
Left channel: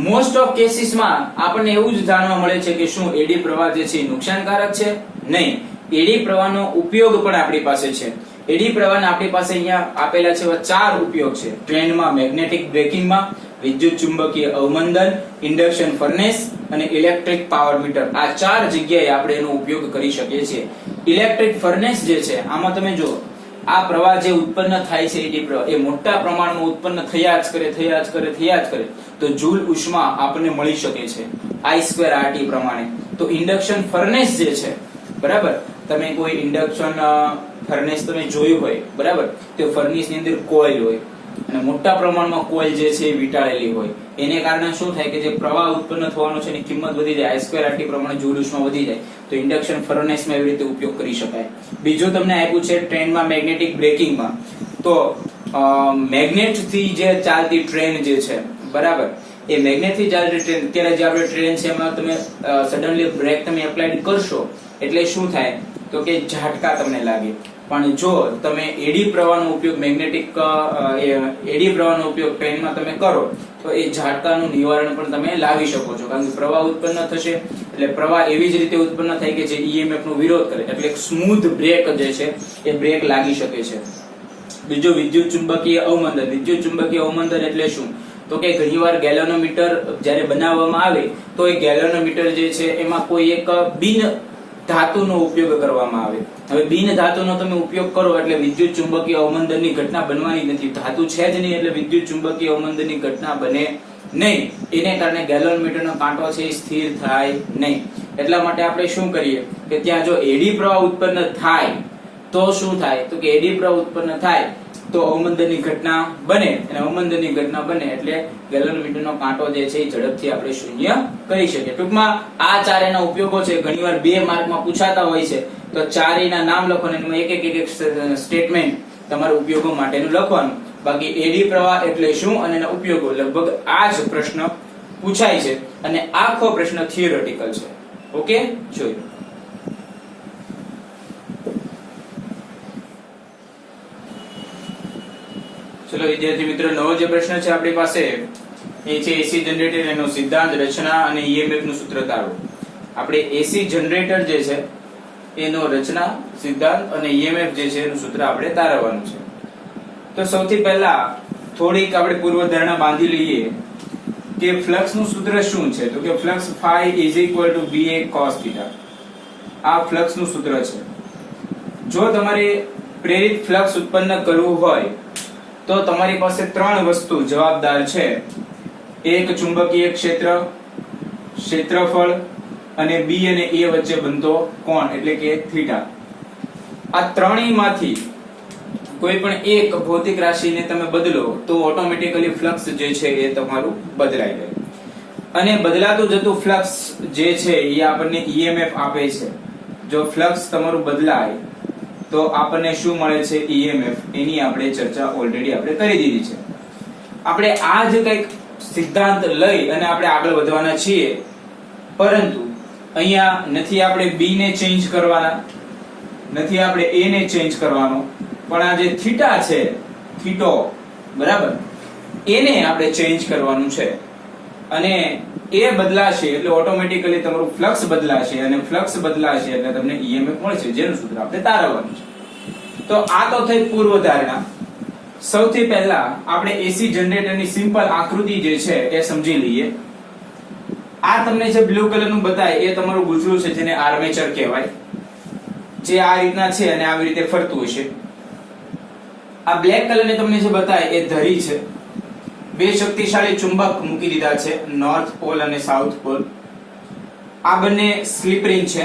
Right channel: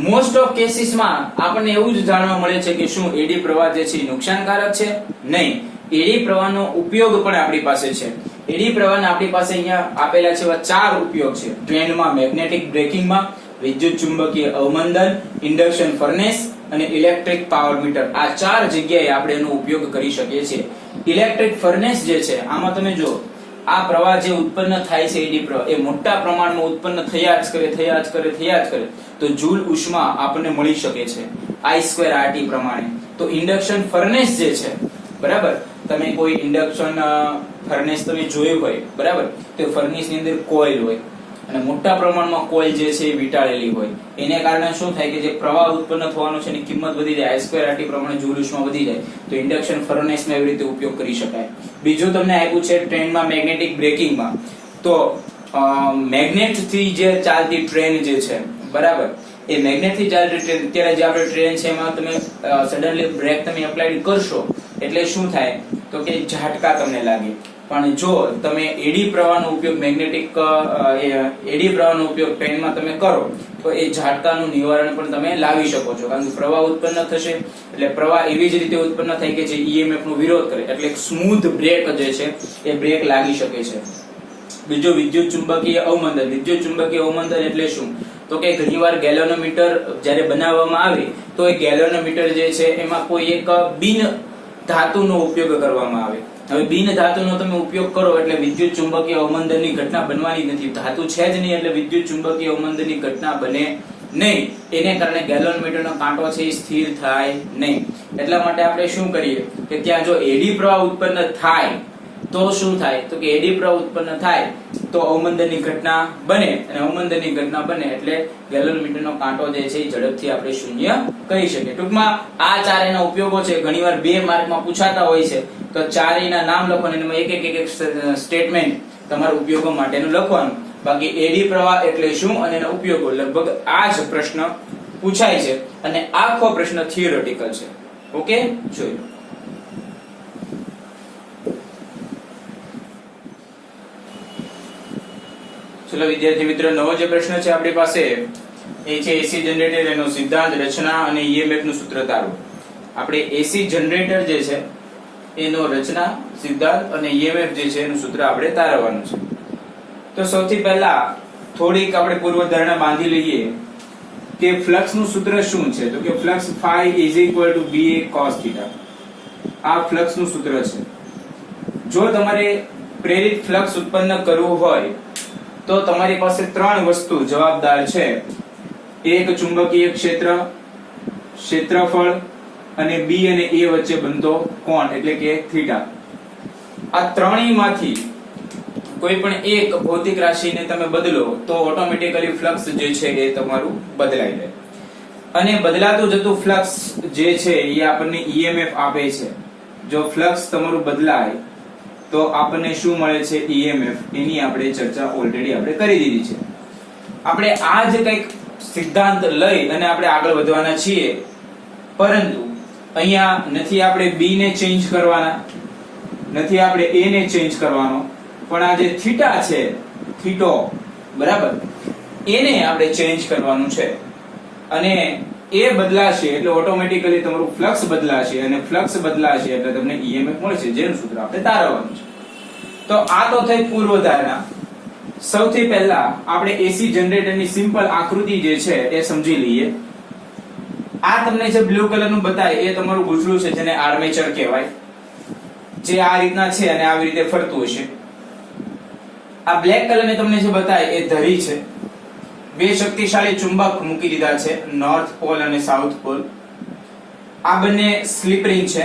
મોસ્ટ ઓફ કેસીસમાં આપણને એવું જ જાણવા મળે છે કે શું એડી પ્રવાહ જે છે નુકસાનકારક છે? નહીં, એડી પ્રવાહનો ઉપયોગ પણ આપણી પાસે છે. એડી પ્રવાહના આપણી પાસે અહીંયા આપેલા છે એવા 4 ઉપયોગ છે. ટ્રેનમાં મેગ્નેટિક બ્રેકિંગમાં, વિદ્યુત ચુંબકીય અવમંદન, ઇન્ડક્શન ફર્નેસ અને ઇલેક્ટ્રિક પાવર મીટર. આ 4 જગ્યાએ આપણે એનો ઉપયોગ કરી શકીએ છીએ. ઇલેક્ટ્રિક ફર્નેસ જે છે આમાં તમે જો આ પ્રવાહ જે ઉત્પન્ન થાય છે એડી પ્રવાહ એ મોટા પ્રમાણમાં ઉત્પન્ન થયા જ કરે તો જૂલ ઉષ્મા આપણને મળી શકે છે I2RT પ્રમાણે. તો ઇન્ડક્શન ફર્નેસ જે છે, બરાબર, તમે કોઈ ઇન્ડક્શન ફર્નેસ તમે જોયું હોય, બરાબર, તો ફર્નેસ ની અંદર કોઇલ હોય અને મોટા પ્રમાણમાં કોઇલ જે છે એ વીંટાળેલી હોય. એને કારણે શું થાય કે જે પ્રવાહ ઉત્પન્ન થવાનો છે એની કિંમત વધી જાય, I2RT પ્રમાણે જૂલ ઉષ્મા વધી જાય. તો ઇન્ડક્શન ફર્નેસમાં એવી રીતે ઉપયોગ કરી શકાય. બીજું તમને આપ્યું છે ટ્રેનમાં મેગ્નેટિક બ્રેકિંગમાં. તો મેગ્નેટ થી જે ચાલતી ટ્રેન જે છે, બરાબર, એ મેગ્નેટથી ચાલતી ટ્રેન, અત્યારે જે આપણે ટ્રેન છે એમાં તમે સડનલી બ્રેક તમે એપ્લાય કરશો એટલે શું થાય તો કે ઝાટકા તમને લાગે. પણ જો તમે એડી પ્રવાહનો ઉપયોગ એડી પ્રવાહનો ઉપયોગ પેનમાં તમે કરો તો એ ઝાટકાનું નિવારણ પણ તમે લાવી શકો છો, કારણ કે પ્રવાહ ઉત્પન્ન થશે એટલે પ્રવાહ એવી જ રીતે ઉત્પન્ન થાય કે જે ઈએમએફ નો વિરોધ કરે, એટલે સ્મૂથ બ્રેક જે છે એ બ્રેક લાગી શકે છે. બીજું વિદ્યુત ચુંબકીય અવમંદન. વિદ્યુત ચુંબકીય અવમંદન એટલે શું તો કે ઘણીવાર ગેલ્વેનોમીટર જ્યારે બનાવવામાં આવે તો એ ગેલ્વેનોમીટર જે છે એમાં કોઈ એક બિન ધાતુનો ઉપયોગ કરવામાં આવે. હવે બિન ધાતુનો તમે ઉપયોગ કરો એટલે વિદ્યુત ચુંબકીય અવમંદનની ઘટના બનવાની નથી. ધાતુ છે જ નહીં એટલે વિદ્યુત ચુંબકીય અવમંદનની ઘટના બને નહીં. એને કારણે ગેલ્વેનોમીટરનો કાંટો છે એ સ્થિર થાય નહીં. એટલા માટે આપણે શું કરીએ કે ત્યાં જો એડી પ્રવાહ ઉત્પન્ન થાય તો શું થાય તો કે એડી પ્રવાહ ઉત્પન્ન થાય તો અવમંદનની ઘટના બને, અને અવમંદનની ઘટના બને એટલે ગેલ્વેનોમીટરનો કાંટો જે છે એ ઝડપથી આપણે શૂન્ય કરી શકીએ. ટૂંકમાં આ ચારેયના ઉપયોગો છે, ઘણીવાર 2 માર્કમાં પૂછાતા હોય છે, તો ચારેયના નામ લખો અને એમાં એક સ્ટેટમેન્ટ તમારા ઉપયોગો માટેનું લખવાનું. બાકી એડી પ્રવાહ એટલે શું અને એના ઉપયોગો લગભગ આ જ પ્રશ્ન પૂછાય છે, અને આખો પ્રશ્ન થિયોરેટિકલ છે. ઓકે, જોયું. ચલો વિદ્યાર્થી મિત્રો, નવો જે પ્રશ્ન છે આપણી પાસે એ છે એસી જનરેટર, એનો સિદ્ધાંત, રચના અને ઈએમએફ નું સૂત્ર તારો. આપણે એસી જનરેટર જે છે એનો રચના, સિદ્ધાંત અને ઈએમએફ જે છે એનું સૂત્ર આપણે તારવવાનું છે. તો સૌથી પહેલા થોડીક આપણે પૂર્વધારણા બાંધી લઈએ કે ફ્લક્સ નું સૂત્ર શું છે, તો કે ફ્લક્સ phi = BA cos θ. આ ફ્લક્સ નું સૂત્ર છે. જો તમારે પ્રેરિત ફ્લક્સ ઉત્પન્ન કરવું હોય તો તમારી પાસે 3 વસ્તુ જવાબદાર છે. એક ચુંબકીય ક્ષેત્ર, ક્ષેત્રફળ અને B અને A વચ્ચે બનતો કોણ એટલે કે થીટા. આ ત્રણેયમાંથી કોઈ પણ એક ભૌતિક રાશિને તમે બદલો તો ઓટોમેટિકલી ફ્લક્સ જે છે એ તમારું બદલાઈ જાય. અને બદલાતું જતું ફ્લક્સ જે છે એ આપણને ઈએમએફ આપે છે. જો ફ્લક્સ તમારું બદલાય તો આપણને શું મળે છે, ઈએમએફ. એની આપણે ચર્ચા ઓલરેડી આપણે કરી દીધી છે. આપણે આ જ કંઈક સિદ્ધાંત લઈ અને આપણે આગળ વધવાના છીએ, પરંતુ અહીંયા નથી આપણે B ને ચેન્જ કરવાના, નથી આપણે A ને ચેન્જ કરવાનો, પણ આ જે થીટા છે, થીટો, બરાબર, એને આપણે ચેન્જ કરવાનું છે. અને એ બદલાશે એટલે ઓટોમેટિકલી તમારું ફ્લક્સ બદલાશે, અને ફ્લક્સ બદલાશે એટલે તમને ઈએમએફ મળશે, જેનું સૂત્ર આપણે તારવવાનું છે. તો આ તો થઈ પૂર્વધારણા. સૌથી પહેલા આપણે એસી જનરેટરની સિમ્પલ આકૃતિ જે છે એ સમજી લઈએ. આ તમને જે બ્લુ કલરનું બતાય એ તમારું ગૂંચળું છે, જેને આર્મેચર કહેવાય, જે આ રીતના છે અને આવી રીતે ફરતું હશે. આ બ્લેક કલરને તમને જે બતાય એ ધરી છે. 2 શક્તિશાળી ચુંબક મૂકી દીધા છે, નોર્થ પોલ અને સાઉથ પોલ. આ બંને સ્લિપ રિંગ છે,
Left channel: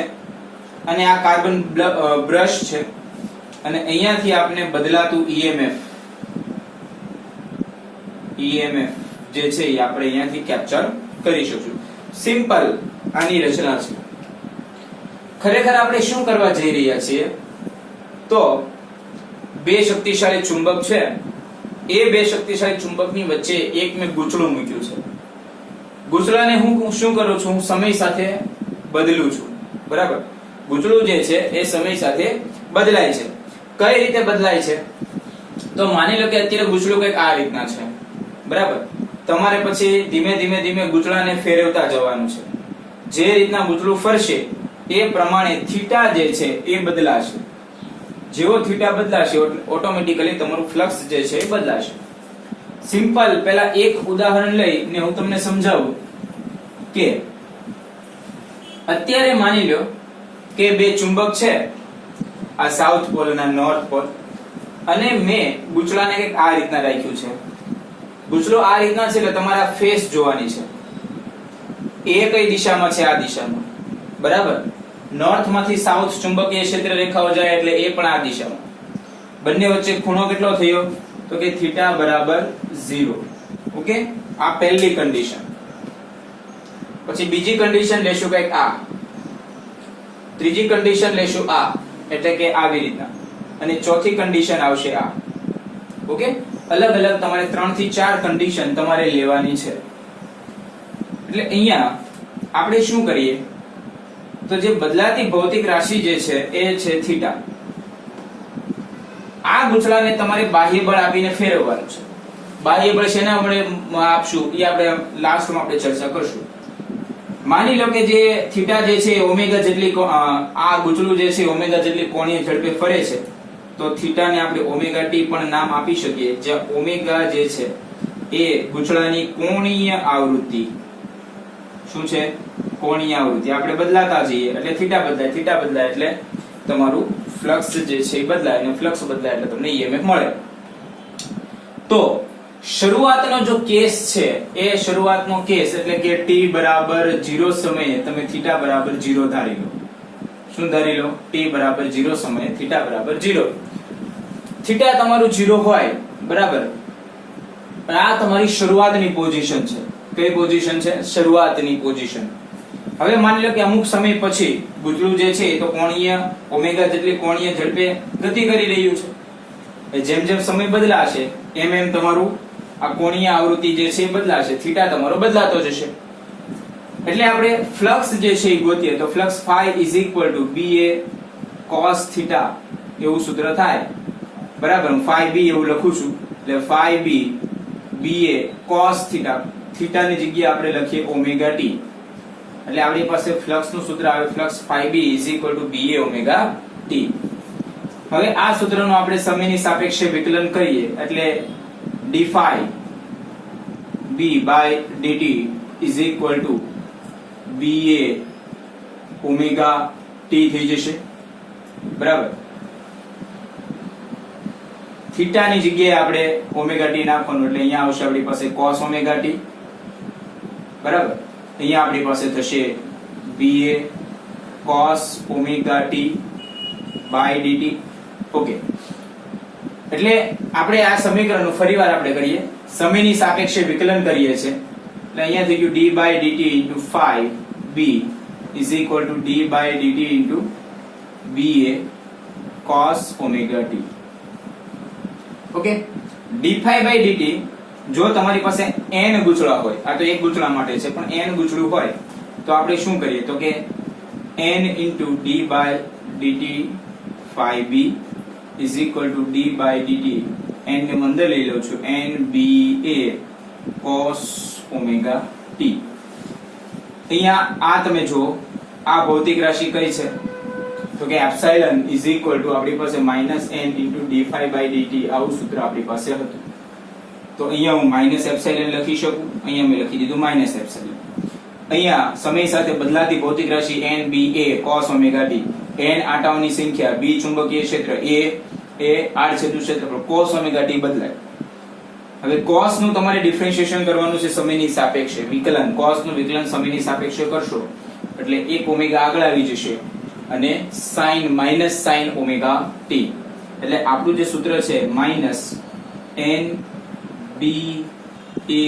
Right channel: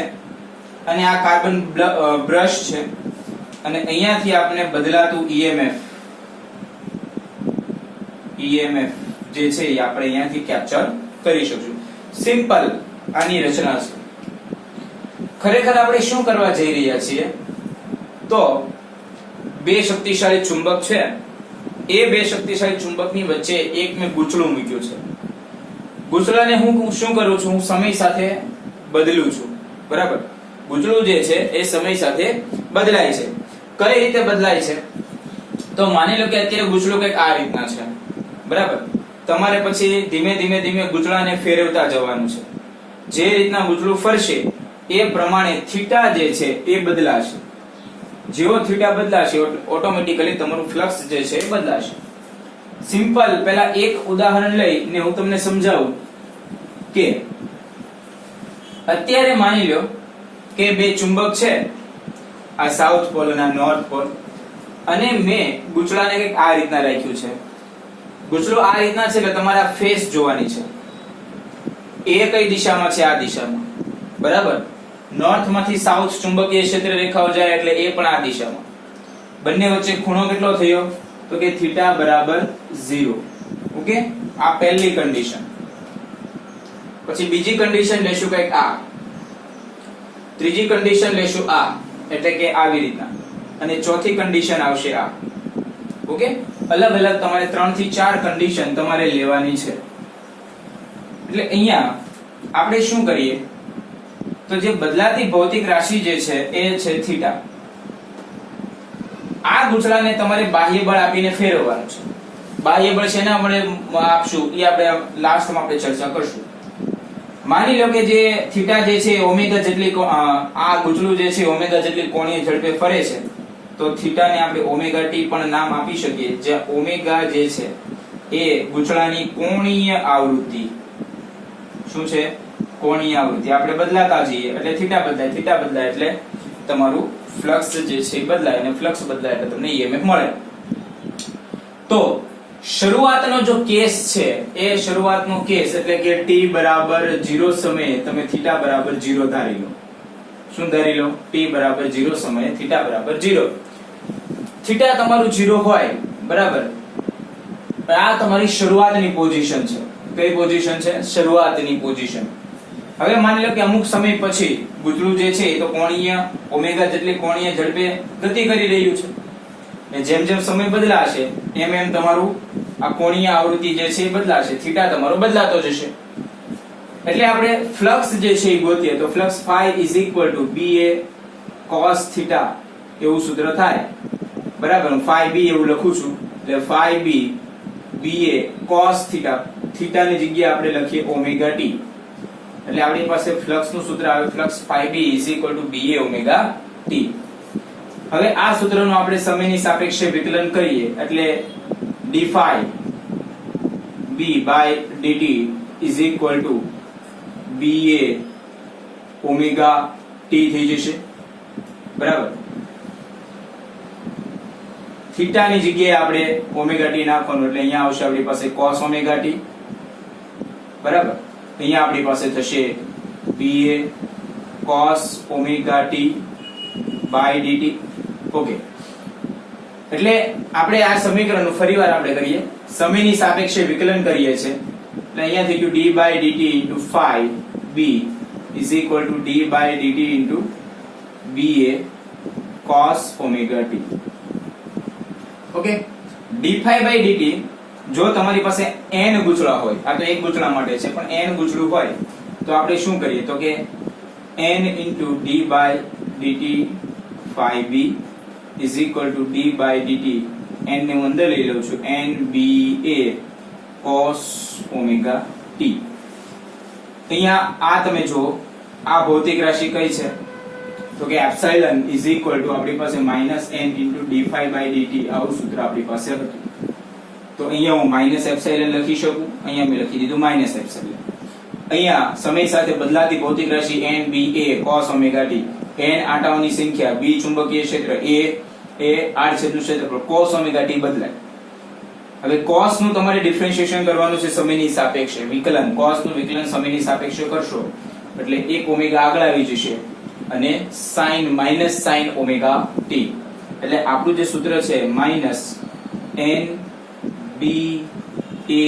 અને આ કાર્બન બ્રશ છે, અને અહીંયાથી આપણે બદલાતું ઈએમએફ જે છે એ આપણે અહીંયાથી કેપ્ચર કરી શકશું. સિમ્પલ આની રચના છે. ખરેખર આપણે શું કરવા જઈ રહ્યા છીએ તો 2 શક્તિશાળી ચુંબક છે, એ 2 શક્તિશાળી ચુંબકની વચ્ચે એક મેં ગૂંચળું મૂક્યું છે. ગૂંચળાને હું શું કરું છું, હું સમય સાથે બદલું છું, બરાબર. ગૂંચળું જે છે એ સમય સાથે બદલાય છે. કઈ રીતે બદલાય છે તો માની લો કે અત્યારે ગૂંચળું કંઈક આ રીતના છે, બરાબર. તમારે પછી ધીમે ધીમે ગૂંચળાને ફેરવતા જવાનું છે. જે રીતના ગૂંચળું ફરશે એ પ્રમાણે થીટા જે છે એ બદલાશે. જેવો થીટા બદલાશે ઓટોમેટિકલી તમારું ફ્લક્સ જે છે એ બદલાશે. સિમ્પલ પહેલા એક ઉદાહરણ લઈને હું તમને સમજાવું કે અત્યારે માની લો કે 2 ચુંબક છે, આ સાઉથ પોલ અને નોર્થ પોલ, અને મેં ગૂંચળાને કંઈક આ રીતના રાખ્યું છે. ગૂંચળો આ રીતના છે એટલે તમારે ફેસ જોવાની છે. એ કઈ દિશામાં છે, આ દિશામાં, બરાબર. નોર્થ માંથી સાઉથ ચુંબકીય ક્ષેત્ર રેખાઓ જાય એટલે એ પણ આ દિશામાં. બંને વચ્ચે ખૂણો કેટલો થયો તો કે થીટા બરાબર 0. ઓકે, આ પહેલી કન્ડિશન. પછી બીજી કન્ડિશન લેશું કંઈક આ, ત્રીજી કન્ડિશન લેશું આ, એટલે કે આવી રીતના, અને ચોથી કન્ડિશન આવશે આ. ઓકે, અલગ અલગ તમારે 3 થી 4 કન્ડિશન તમારે લેવાની છે. એટલે અહીંયા આપણે શું કરીએ તો જે બદલાતી ભૌતિક રાશિ જે છે એ છે થીટા. આ ગૂંચળાને તમારે બાહ્ય બળ આપીને ફેરવવાનું છે. બાહ્ય બળ શેના વડે આપશું એ આપણે લાસ્ટમાં આપણે ચર્ચા કરશું. માની લો કે જે થીટા જે છે ઓમેગા જેટલી આ ગૂંચળું જે છે ઓમેગા જેટલી કોણીય ઝડપે ફરે છે, તો થીટાને આપણે ઓમેગા ટી પણ નામ આપી શકીએ. જે ઓમેગા જે છે એ ગૂંચળાની કોણીય આવૃત્તિ શું છે? કોણીય આવૃત્તિ. આપણે બદલાતા જઈએ એટલે થીટા બદલાય એટલે તમારું ફ્લક્સ જે છે એ બદલાય, અને ફ્લક્સ બદલાય એટલે તમને ઈએમએફ મળે. તો શરૂઆતનો જો કેસ છે એ શરૂઆતનો કેસ એટલે કે t બરાબર 0 સમયે તમે થીટા બરાબર 0 ધારી લો. શું ધારી લો? t બરાબર 0 સમયે થીટા બરાબર 0. થીટા તમારું 0 હોય, બરાબર. આ તમારી શરૂઆતની પોઝિશન છે. કઈ પોઝિશન છે? શરૂઆતની પોઝિશન. હવે માની લો કે અમુક સમય પછી ગૂંચળું જે છે એ તો કોણીય ઓમેગા જેટલી કોણીય ઝડપે ગતિ કરી રહ્યું છે. જેમ જેમ સમય બદલાશે એમ એમ તમારું આ કોણીય આવૃત્તિ જે છે એ બદલાશે, થીટા તમારો બદલાતો જશે. એટલે આપણે ફ્લક્સ જે છે એ ગોતીએ તો flux phi is equal to ba cos theta એવું સૂત્ર થાય, બરાબર. હું phi b એવું લખું છું એટલે phi b ba cos theta, theta ની જગ્યાએ આપણે લખીએ ઓમેગા t. એટલે આપણી પાસે ફ્લક્સ નું સૂત્ર આવે flux phi b is equal to ba omega t. હવે આ સૂત્રનું આપણે સમયની સાપેક્ષે વિકલન કરીએ એટલે d phi b by dt is equal to ba omega t થઈ જશે, બરાબર. થીટા ની જગ્યાએ આપણે ઓમેગા t નાખવાનું એટલે અહીંયા આવશે આપણી પાસે cos ઓમેગા t, બરાબર. અહીંયા આપણી પાસે થશે ba cos omega t by dt. Okay, એટલે આપણે આ સમીકરણનું ફરીવાર આપણે કરીએ, સમયની સાપેક્ષે વિકલન કરીએ છીએ એટલે અહીંયા થઈ ગયું d by dt into phi b is equal to d by dt into ba cos omega t. Okay, d phi by dt જો તમારી પાસે n ગૂંચળા હોય, આ તો એક ગૂંચળા માટે છે, પણ n ગૂંચળું હોય તો આપણે શું કરીએ તો કે n into d by dt phi b is equal to d by dt, n ને હું અંદર લઈ લઉં છું, n ba cos omega t. અહીંયા આ તમે જો આ ભૌતિક રાશિ કઈ છે તો કે એપ્સિલોન is equal to આપણી પાસે minus n into d phi by dt આવું સૂત્ર આપણી પાસે હતું. તો અહીંયા હું માઇનસ એપ્સિલોન લખી શકું, અહીંયા મેં લખી દીધું માઇનસ એપ્સિલોન. અહીંયા સમય સાથે બદલાતી ભૌતિક રાશિ n ba cos omega t, n આંટાઓની સંખ્યા, b ચુંબકીય ક્ષેત્ર, a એ આડછેદનું ક્ષેત્રફળ, cos omega t બદલાય. હવે cos નું તમારે ડિફરન્શિએશન કરવાનું છે સમયની સાપેક્ષે, વિકલન. cos નું વિકલન સમયની સાપેક્ષે કરશો એટલે 1 ઓમેગા આગળ આવી જશે અને sin minus sin omega t. એટલે આપણું જે સૂત્ર છે minus n b a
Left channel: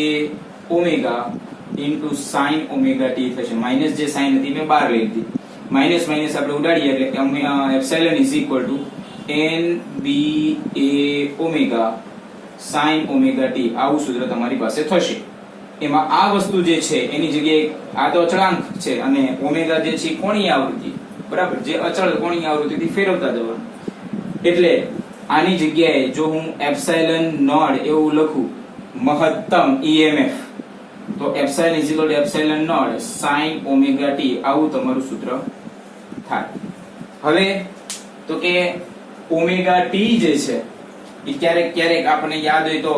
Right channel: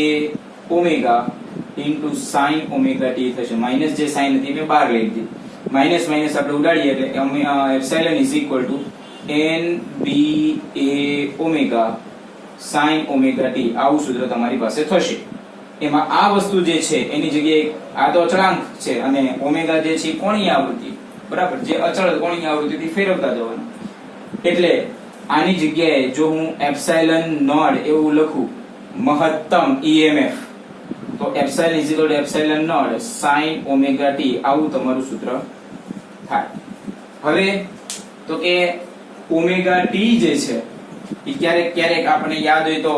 omega into sin omega t થશે. માઈનસ જે sin હતી મેં બહાર લઈ લીધી, માઈનસ માઈનસ આપણે ઉડાડીએ એટલે epsilon is equal two n b a omega sin omega t આવું સૂત્ર તમારી પાસે થશે. એમાં આ વસ્તુ જે છે એની જગ્યાએ આ તો અચળાંક છે અને ઓમેગા જે છે કોણીય આવૃત્તિ, બરાબર, જે અચળ કોણીય આવૃત્તિથી ફેરવતા જવાનું. એટલે આની જગ્યાએ જો હું એપ્સિલોન નોટ એવું લખું મહત્તમ EMF તો epsilon is equal to epsilon not sin omega t આવું તમારું સૂત્ર થાય. હવે તો કે ઓમેગા t જે છે એ ક્યારેક ક્યારેક આપણને યાદ હોય તો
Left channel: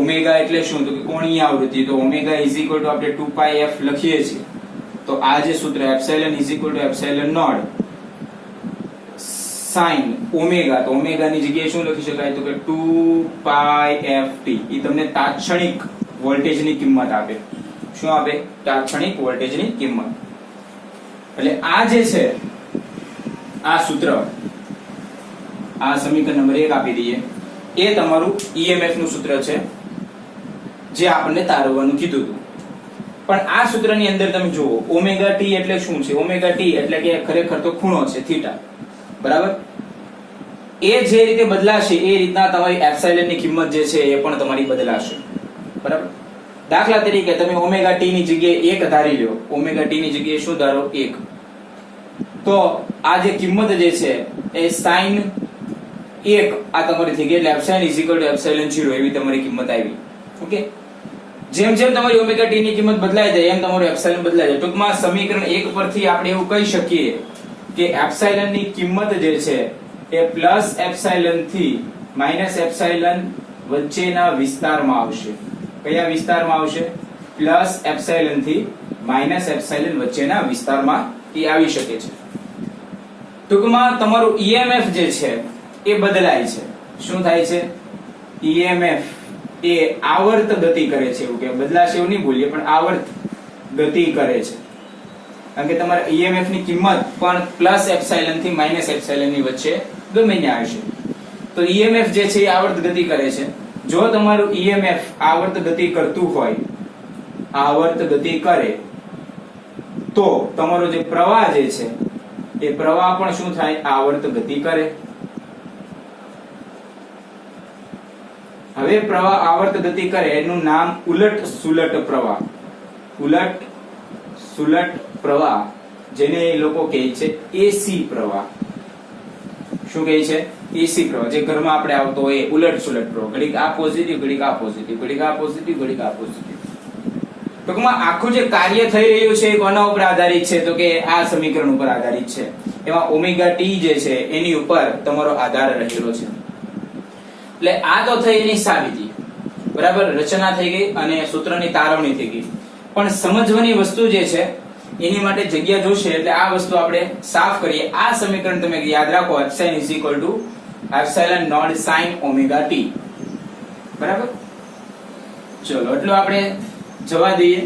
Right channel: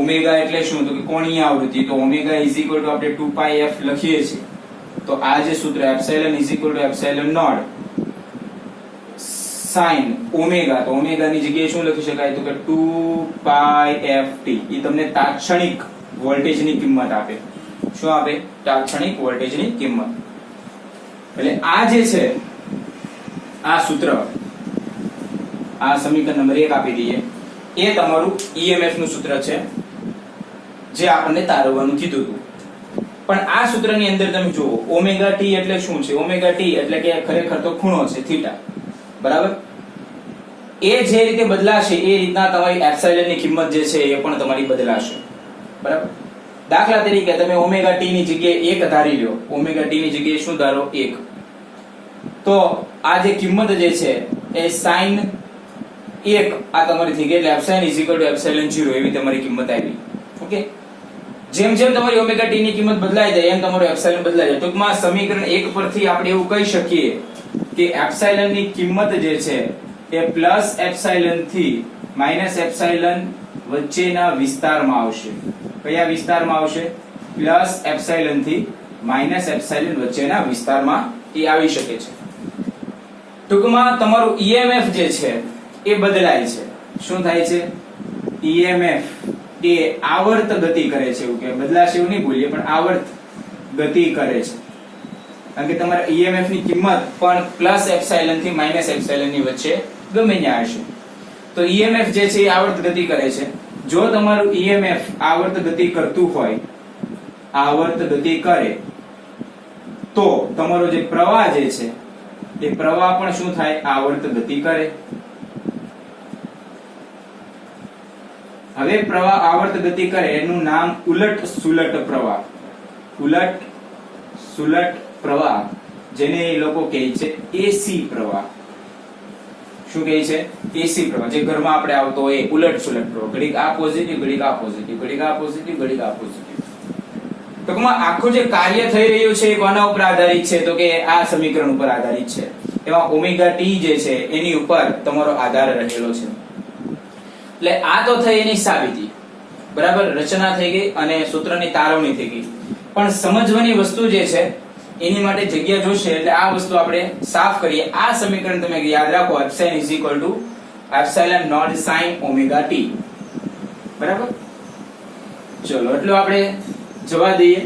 ઓમેગા એટલે શું તો કે કોણીય આવૃત્તિ, તો ઓમેગા ઇઝ ઇક્વલ ટુ આપણે 2 pi f લખીએ છીએ. તો આ જે સૂત્ર epsilon is equal to epsilon not sin omega, તો ઓમેગા ની જગ્યાએ શું લખી શકાય તો કે 2 pi f t. એ તમને તાત્ક્ષણિક વોલ્ટેજની કિંમત આપે. શું આપે? તાત્ક્ષણિક વોલ્ટેજની કિંમત. એટલે આ જે છે આ સૂત્ર, આ સમીકરણ નંબર 1 આપી દઈએ, એ તમારું EMF નું સૂત્ર છે જે આપણને તારવવાનું કીધું હતું. પણ આ સૂત્રની અંદર તમે જુઓ ઓમેગા ટી એટલે શું છે? ઓમેગા ટી એટલે કે ખરેખર તો ખૂણો છે થીટા, બરાબર. એ જે રીતે બદલાશે એ રીતના તમારી એપ્સિલોન ની કિંમત જે છે એ પણ તમારી બદલાશે, બરાબર. દાખલા તરીકે તમે ઓમેગા ટી ની જગ્યાએ 1 ધારી લો, ઓમેગા ટી ની જગ્યાએ શું ધારો 1, તો આ જે કિંમત જે છે એ sin 1 આ તમારી થઈ ગઈ, એટલે epsilon is equal to epsilon 0 એવી તમારી કિંમત આવી. ઓકે, જેમ જેમ તમારી ઓમેગા ટી ની કિંમત બદલાય જાય એમ તમારો એપ્સિલોન બદલાય જાય. ટૂંકમાં સમીકરણ 1 પરથી આપણે એવું કહી શકીએ કે એપ્સિલોન ની કિંમત જે છે એ પ્લસ એપ્સિલોન થી માઈનસ એપ્સિલોન વચ્ચેના વિસ્તારમાં આવશે. કયા વિસ્તારમાં આવશે? પ્લસ એપ્સિલોન થી માઈનસ એપ્સિલોન વચ્ચેના વિસ્તારમાં એ આવી શકે છે. ટૂંકમાં તમારું EMF જે છે એ બદલાય છે. શું થાય છે? EMF એ આવર્ત ગતિ કરે છે. એવું કે બદલાશે એવું નહીં બોલીએ, પણ આવર્ત ગતિ કરે છે. કારણ કે તમારા EMF ની કિંમત પણ પ્લસ એપ્સિલોન થી માઈનસ એપ્સિલોન ની વચ્ચે ગમે ત્યાં હશે. તો EMF જે છે એ આવર્ત ગતિ કરે છે. જો તમારું EMF આવર્ત ગતિ કરતું હોય, આવર્ત ગતિ કરે, તો તમારો જે પ્રવાહ જે છે એ પ્રવાહ પણ શું થાય? આવર્ત ગતિ કરે. હવે પ્રવાહ આવર્ત ગતિ કરે એનું નામ ઉલટ સુલટ પ્રવાહ. ઉલટ સુલટ પ્રવાહ, જેને લોકો કહે છે AC પ્રવાહ. શું કહે છે? AC પ્રવાહ. જે ઘરમાં આપણે આવતો હોય ઉલટ સુલટ પ્રવાહ. ઘડીક આ પોઝિટિવ, ઘડીક આ પોઝિટિવ, ઘડીક આ પોઝિટિવ, ઘડીક આ પોઝિટિવ. ટૂંકમાં આખું જે કાર્ય થઈ રહ્યું છે એ કોના ઉપર આધારિત છે? તો કે આ સમીકરણ ઉપર આધારિત છે. એમાં ઓમેગા ટી જે છે એની ઉપર તમારો આધાર રહેલો છે. એટલે આ તો થઈ એની સાબિતી, બરાબર, રચના થઈ ગઈ અને સૂત્રની તારવણી થઈ ગઈ. પણ સમજવાની વસ્તુ જે છે એની માટે જગ્યા જોશે, એટલે આ વસ્તુ આપણે સાફ કરીએ. આ સમીકરણ તમે યાદ રાખો, epsilon is equal to epsilon not sin omega T. બરાબર, ચલો એટલું આપણે જવા દઈએ.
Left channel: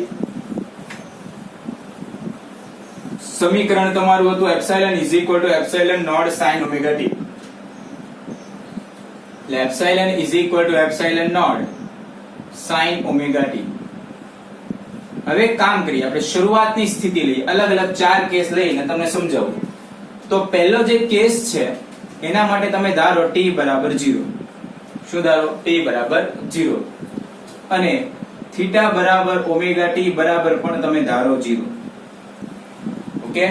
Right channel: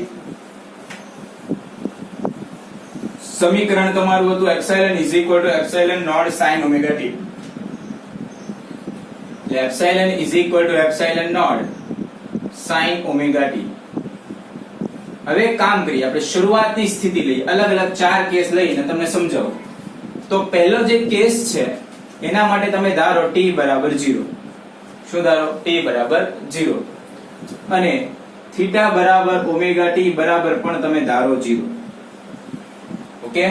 સમીકરણ તમારું હતું epsilon is equal to epsilon not sin omega T. એટલે epsilon is equal to epsilon not sin omega T. હવે કામ કરીએ, આપણે શરૂઆતની સ્થિતિ લઈએ, અલગ અલગ 4 કેસ લઈને તમને સમજાવું. તો પહેલો જે કેસ છે એના માટે તમે ધારો t બરાબર 0. શું ધારો? t બરાબર 0. અને થીટા બરાબર ઓમેગા ટી બરાબર પણ તમે ધારો 0. ઓકે,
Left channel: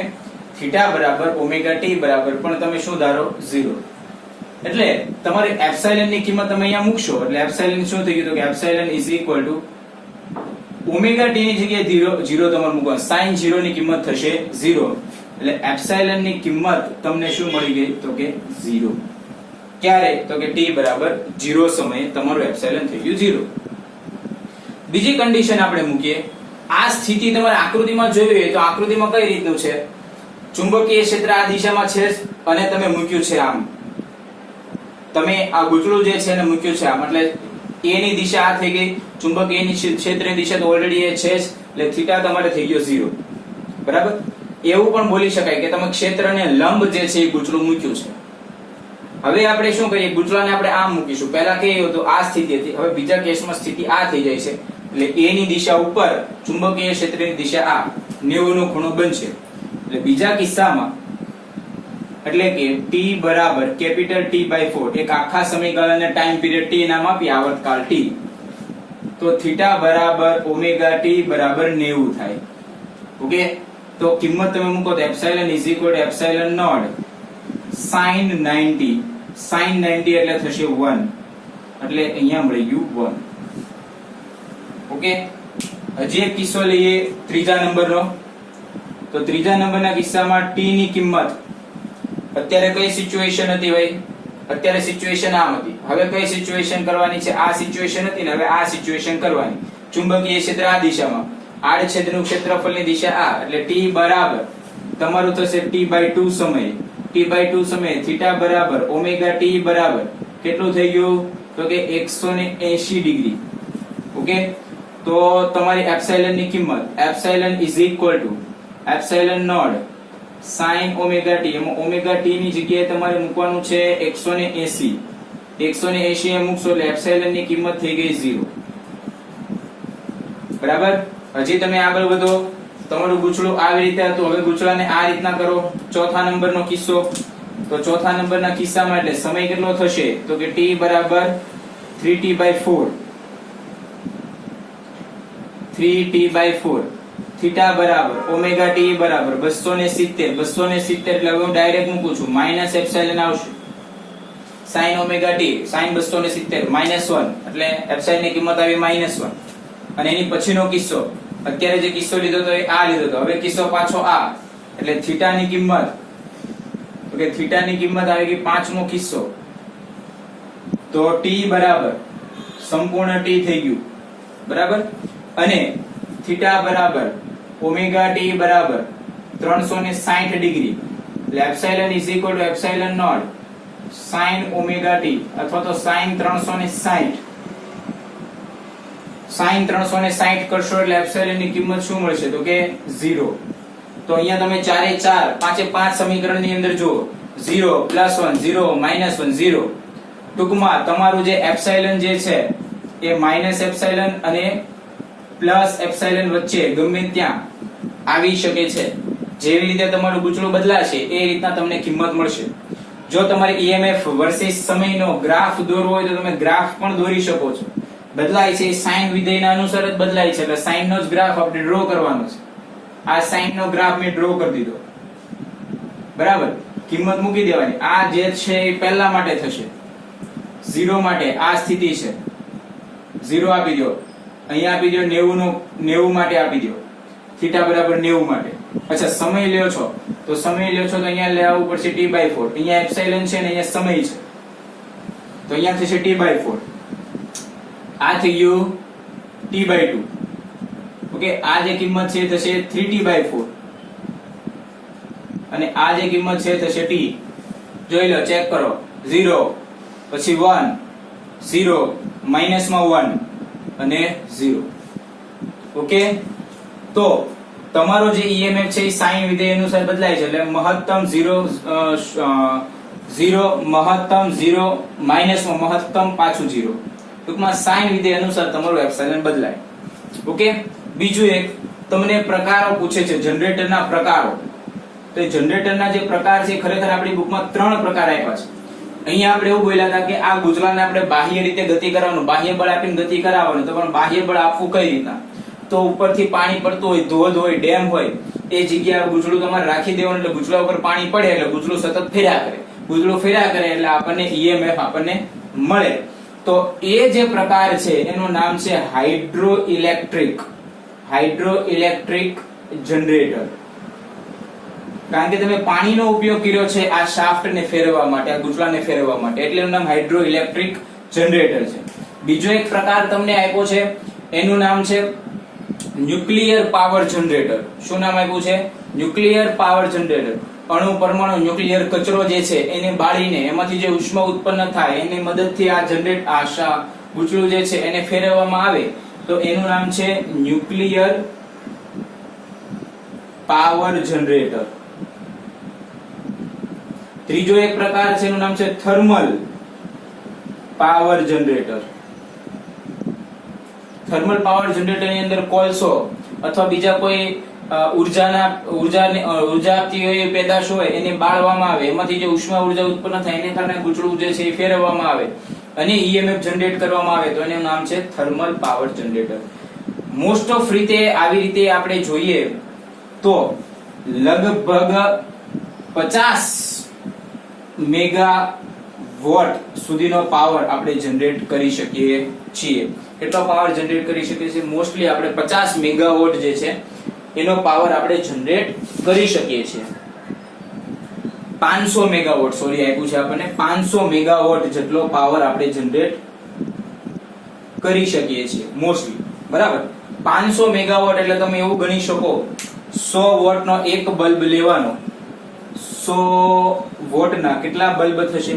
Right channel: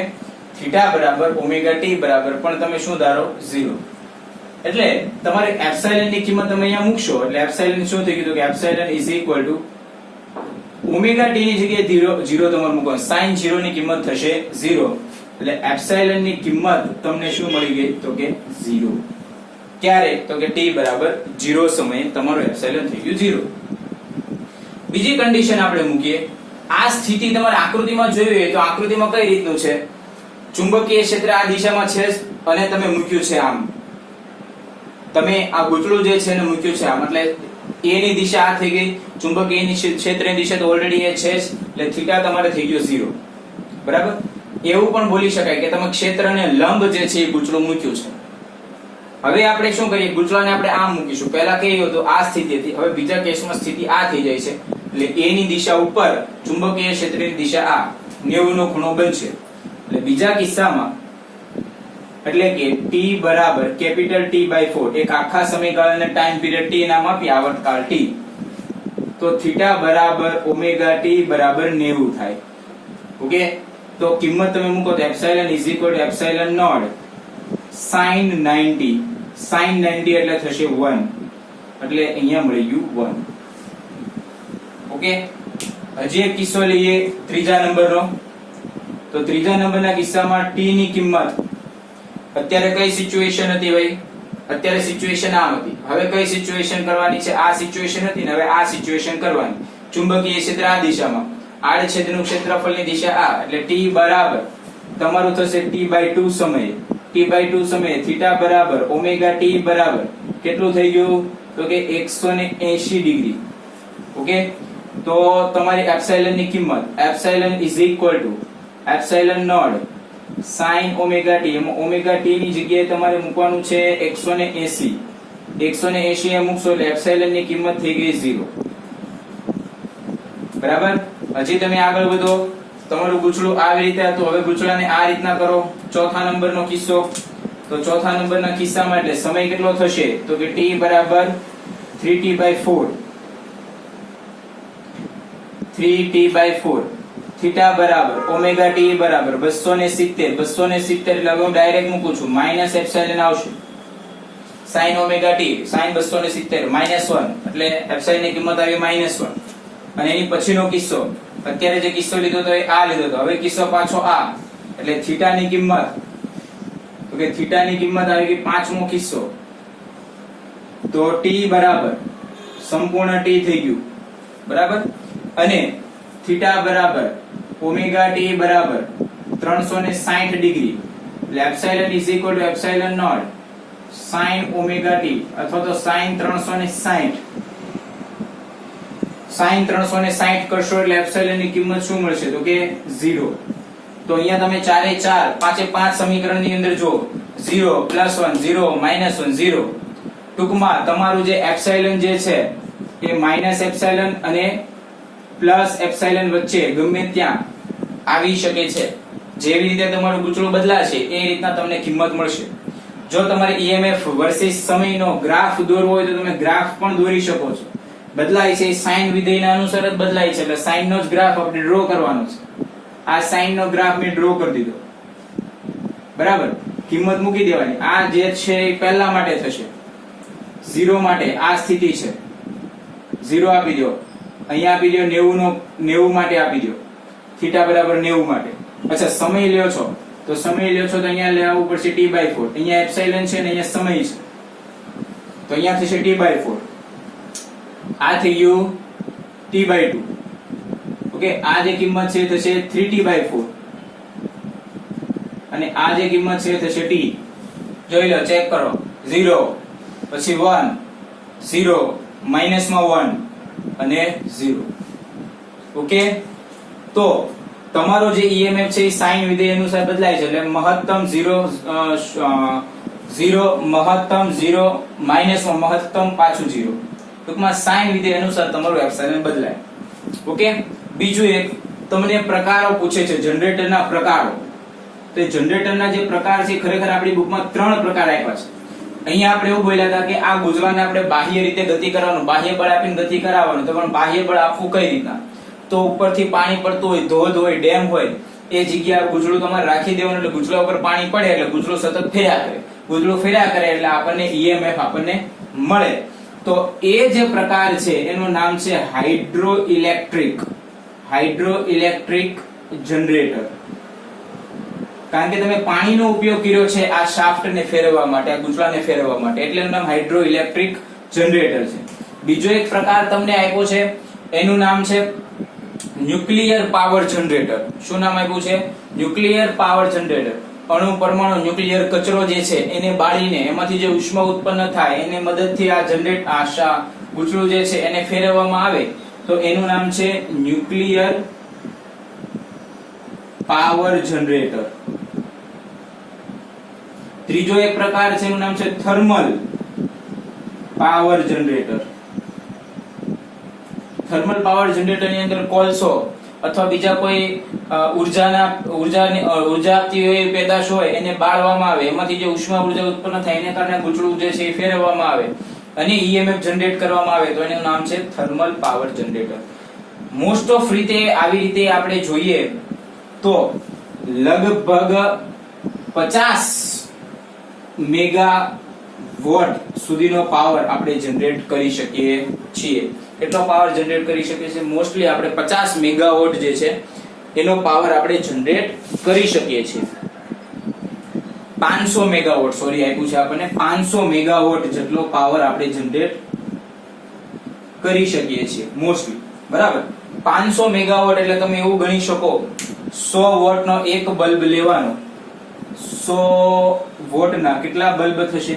થીટા બરાબર ઓમેગા ટી બરાબર પણ તમે શું ધારો? 0. એટલે તમારે એપ્સિલોન ની કિંમત તમે અહીંયા મૂકશો, એટલે એપ્સિલોન શું થઈ ગયું? તો કે epsilon is equal two omega T ની જગ્યાએ 0 તમારે મૂકવાનું. sin 0 ની કિંમત થશે 0. એટલે એપ્સિલોન ની કિંમત તમને શું મળી ગઈ? તો કે 0. ક્યારે? તો કે t બરાબર 0 સમયે તમારો એપ્સિલોન થઈ ગયું 0. બીજી કન્ડિશન આપણે મૂકીએ. આ સ્થિતિ તમારે આકૃતિમાં જોઈ હોય તો આકૃતિમાં કઈ રીતનું છે? ચુંબકીય ક્ષેત્ર આ દિશામાં છે અને તમે મૂક્યું છે આમ. તમે આ ગૂંચળું જે છે એને મૂક્યું છે આમ, એટલે A ની દિશા આ થઈ ગઈ, ચુંબકીય ક્ષેત્રની દિશા તો ઓલરેડી એ છે જ, એટલે થીટા તમારે થઈ ગયો 0. બરાબર, એવું પણ બોલી શકાય કે તમે ક્ષેત્રને લંબ જે છે એ ગૂંચળું મૂક્યું છે. હવે આપણે શું કરીએ? ગૂંચળાને આપણે આમ મૂકીશું. પહેલા કેવી હતું? આ સ્થિતિ હતી. હવે બીજા કેસમાં સ્થિતિ આ થઈ જાય છે, એટલે A ની દિશા ઉપર, ચુંબકીય ક્ષેત્રની દિશા આ 90 નો ખૂણો બનશે. એટલે બીજા કિસ્સામાં એટલે કે t બરાબર કેપિટલ T/4, એક આખા સમયગાળાને ટાઈમ પીરિયડ t નામ આપી, આવર્તકાળ t, તો થીટા બરાબર ઓમેગા t બરાબર 90 થાય. ઓકે, તો કિંમત તમે મૂકો તો epsilon is equal to epsilon not sin 90. sin 90 એટલે થશે 1, એટલે અહીંયા મળી ગયું 1. ઓકે, હજી એક કિસ્સો લઈએ ત્રીજા નંબરનો. તો ત્રીજા નંબરના કિસ્સામાં t ની કિંમત અત્યારે કઈ સિચ્યુએશન હતી ભાઈ? અત્યારે સિચ્યુએશન આમ હતી. હવે કઈ સિચ્યુએશન કરવાની છે? આ સિચ્યુએશન હતી ને હવે આ સિચ્યુએશન કરવાની. ચુંબકીય ક્ષેત્ર આ દિશામાં, આડછેદનું ક્ષેત્રફળની દિશા આ, એટલે t બરાબર તમારું થશે t/2 સમયે. t/2 સમયે થીટા બરાબર ઓમેગા t બરાબર કેટલું થઈ ગયું? તો કે 180 ડિગ્રી. ઓકે, તો તમારી એપ્સિલોન ની કિંમત epsilon is equal to epsilon not sin omega t. એમાં ઓમેગા t ની જગ્યાએ તમારે મૂકવાનું છે 180. 180 એ મૂકશો એટલે એપ્સિલોન ની કિંમત થઈ ગઈ 0. બરાબર, હજી તમે આગળ વધો. તમારું ગૂંચળું આવી રીતે હતું, હવે ગૂંચળાને આ રીતના કરો. ચોથા નંબરનો કિસ્સો. તો ચોથા નંબરના કિસ્સામાં એટલે સમય કેટલો થશે? તો કે t બરાબર 3t/4. 3t/4 થીટા બરાબર ઓમેગા ટી બરાબર 270 270 એટલે હવે હું ડાયરેક્ટ મૂકું છું માઇનસ એપ્સિલોન આવશે sin ઓમેગા ટી sin 270 -1 એટલે એપ્સિલોન ની કિંમત આવી -1 અને એની પછીનો કિસ્સો અત્યારે જે કિસ્સો લીધો તો એ આ લીધો તો હવે કિસ્સો પાછો આ એટલે થીટા ની કિંમત તો કે થીટા ની કિંમત આવી ગઈ પાંચમો કિસ્સો તો t બરાબર સંપૂર્ણ t થઈ ગયું બરાબર અને થીટા બરાબર ઓમેગા ટી બરાબર 360 ડિગ્રી એટલે epsilon is equal to epsilon not sin omega t અથવા તો sin 360 sin 360 કરશો એટલે એપ્સિલોન ની કિંમત શું મળશે તો કે 0 તો અહીંયા તમે 4 સમીકરણની અંદર જો 0 +1 0 -1 0 ટૂંકમાં તમારું જે એપ્સિલોન જે છે એ માઈનસ એપ્સિલોન અને પ્લસ એપ્સિલોન વચ્ચે ગમે ત્યાં આવી શકે છે જેવી રીતે તમારું ગૂંચળું બદલાશે એ રીતના તમને કિંમત મળશે જો તમારે EMF વર્સિસ સમયનો ગ્રાફ દોરવો હોય તો તમે ગ્રાફ પણ દોરી શકો છો બદલાય છે સાઇન વિધેયના અનુસાર જ બદલાય છે એટલે સાઇન નો જ ગ્રાફ આપણે ડ્રો કરવાનો છે આ સાઇન નો ગ્રાફ મેં ડ્રો કરી દીધો બરાબર કિંમત મૂકી દેવાની આ જે છે એ પહેલા માટે થશે 0 માટે આ સ્થિતિ છે 0 આપી દો અહીંયા આપી દો 90 માટે આપી દો થીટા બરાબર 90 માટે અચ્છા સમય લ્યો છો તો સમય લ્યો છો તો અહીંયા લેવું પડશે t/4 અહીંયા એપ્સિલોન છે ને અહીંયા સમય છે તો અહીંયા થશે t/4 આ થઈ ગયું t/2 ઓકે આ જે કિંમત છે થશે 3t/4 અને આ જે કિંમત છે થશે t જોઈ લો ચેક કરો 0 પછી 1 0 -1 અને 0 ઓકે તો તમારો જે EMF છે એ સાઇન વિધેય અનુસાર બદલાય છે એટલે મહત્તમ 0 મહત્તમ 0 -1 મહત્તમ પાછું 0 ટૂંકમાં સાઇન વિધેય અનુસાર તમારું એપ્સિલોન બદલાય ઓકે બીજું એક તમને પ્રકારો પૂછે છે જનરેટરના પ્રકારો તો એ જનરેટરના જે પ્રકાર છે ખરેખર આપણી બુકમાં 3 પ્રકાર આપ્યા છે અહીંયા આપણે એવું બોલ્યા હતા કે આ ગુંચળાને આપણે બાહ્ય રીતે ગતિ કરવાનું બાહ્ય બળ આપીને ગતિ કરાવવાનું તો પણ બાહ્ય બળ આપવું કઈ રીતના તો ઉપરથી પાણી પડતું હોય ધોધ હોય ડેમ હોય એ જગ્યા ગુંચળું તમારે રાખી દેવાનું એટલે ગુંચળા ઉપર પાણી પડે એટલે ગુંચળું સતત ફેર્યા કરે ગુંચળું ફેર્યા કરે એટલે આપણને EMF આપણને મળે તો એ જે પ્રકાર છે એનું નામ છે હાઇડ્રોઇલેક્ટ્રિક જનરેટર કારણ કે તમે પાણીનો ઉપયોગ કર્યો છે આ શાફ્ટને ફેરવવા માટે આ ગુંચળાને ફેરવવા માટે એટલે એનું નામ હાઇડ્રોઇલેક્ટ્રિક જનરેટર છે બીજો એક પ્રકાર તમને આપ્યો છે એનું નામ છે ન્યુક્લિયર પાવર જનરેટર શું નામ આપ્યું છે ન્યુક્લિયર પાવર જનરેટર અણુ પરમાણુ ન્યુક્લિયર કચરો જે છે એને બાળીને એમાંથી જે ઉષ્મા ઉત્પન્ન થાય એની મદદથી આ ગુંચળું જે છે એને ફેરવવામાં આવે તો એનું નામ છે ન્યુક્લિયર પાવર જનરેટર ત્રીજો એક પ્રકાર છે એનું નામ છે thermal power generator thermal power generator ની અંદર કોલસો અથવા બીજા કોઈ ઉર્જા આપતી હોય પેદાશ હોય એને બાળવામાં આવે એમાંથી જે ઉષ્મા ઉર્જા ઉત્પન્ન થાય એને કારણે ગુંચળું જે છે એ ફેરવવામાં આવે અને EMF જનરેટ કરવામાં આવે તો એનું નામ છે thermal power generator most of રીતે આવી રીતે આપણે જોઈએ તો લગભગ 50 મેગાવોટ સુધીનો પાવર આપણે જનરેટ કરી શકીએ છીએ કેટલો પાવર જનરેટ કરી શકીએ છીએ મોસ્ટલી આપણે 50 મેગાવોટ જે છે એનો પાવર આપણે જનરેટ કરી શકીએ છીએ 500 મેગાવોટ સોરી આપ્યું છે આપણને 500 મેગાવોટ જેટલો પાવર આપણે જનરેટ કરી શકીએ છીએ મોસ્ટલી બરાબર 500 મેગાવોટ એટલે તમે એવું ગણી શકો 100 વોટનો એક બલ્બ લેવાનો 100 વોટના કેટલા બલ્બ થશે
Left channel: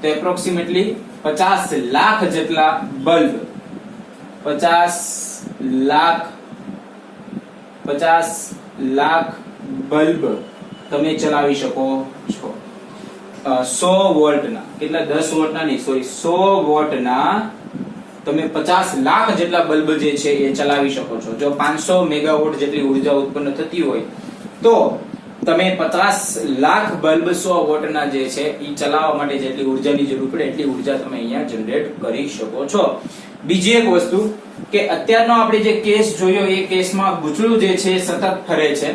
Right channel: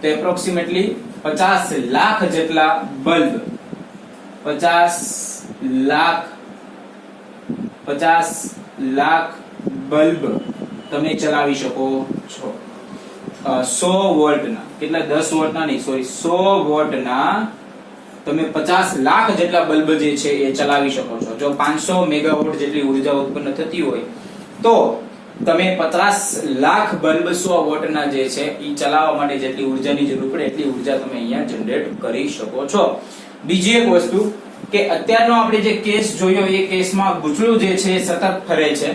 તો એપ્રોક્સિમેટલી 50 લાખ જેટલા બલ્બ 50 લાખ બલ્બ તમે ચલાવી શકો છો 100 વોલ્ટના કેટલા 10 વોટના નહીં સોરી 100 વોટના તમે 50 લાખ જેટલા બલ્બ જે છે એ ચલાવી શકો છો જો 500 મેગાવોટ જેટલી ઉર્જા ઉત્પન્ન થતી હોય તો તમે 50 લાખ બલ્બ 100 વોટના જે છે એ ચલાવવા માટે જેટલી ઉર્જાની જરૂર પડે એટલી ઉર્જા તમે અહીંયા જનરેટ કરી શકો છો બીજી એક વસ્તુ કે અત્યારનો આપણે જે કેસ જોયો એ કેસમાં ગૂંચળું જે છે એ સતત ફરે છે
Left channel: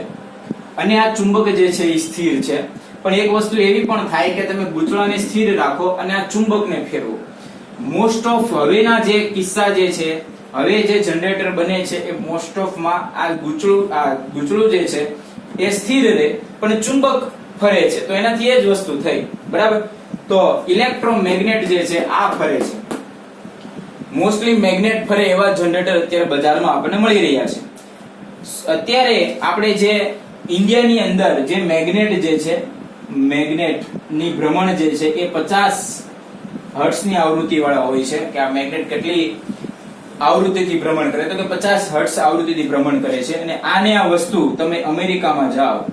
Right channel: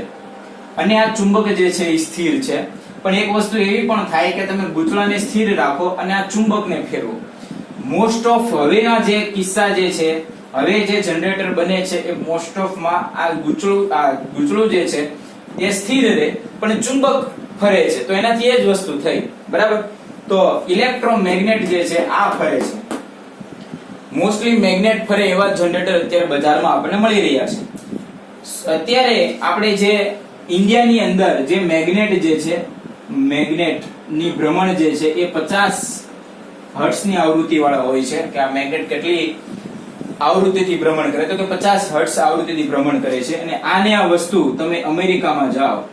અને આ ચુંબક જે છે એ સ્થિર છે. પણ એક વસ્તુ એવી પણ થાય કે તમે ગૂંચળાને સ્થિર રાખો અને આ ચુંબકને ફેરવો. મોસ્ટ ઓફ હવેના જે કિસ્સા જે છે, હવે જે જનરેટર બને છે એ મોસ્ટ ઓફ માં આ ગૂંચળું જે છે એ સ્થિર રહે પણ ચુંબક ફરે છે. તો એનાથી એ જ વસ્તુ થઈ, બરાબર. તો ઇલેક્ટ્રોમેગ્નેટ જે છે આ ફરે છે. મોસ્ટલી મેગ્નેટ ફરે એવા જનરેટર અત્યારે બજારમાં આપણને મળી રહ્યા છે. અત્યારે આપણે જે ઇન્ડિયાની અંદર જે મેગ્નેટ જે છે, મેગ્નેટ ની ભ્રમણ જે છે એ 50 હર્ટ્ઝ ની આવૃત્તિ વાળા હોય છે. કે આ મેગ્નેટ કેટલી આવૃત્તિથી ભ્રમણ કરે તો કે 50 હર્ટ્ઝ આવૃત્તિથી ભ્રમણ કરે છે. અને આને આ વસ્તુ તમે અમેરિકામાં જાઓ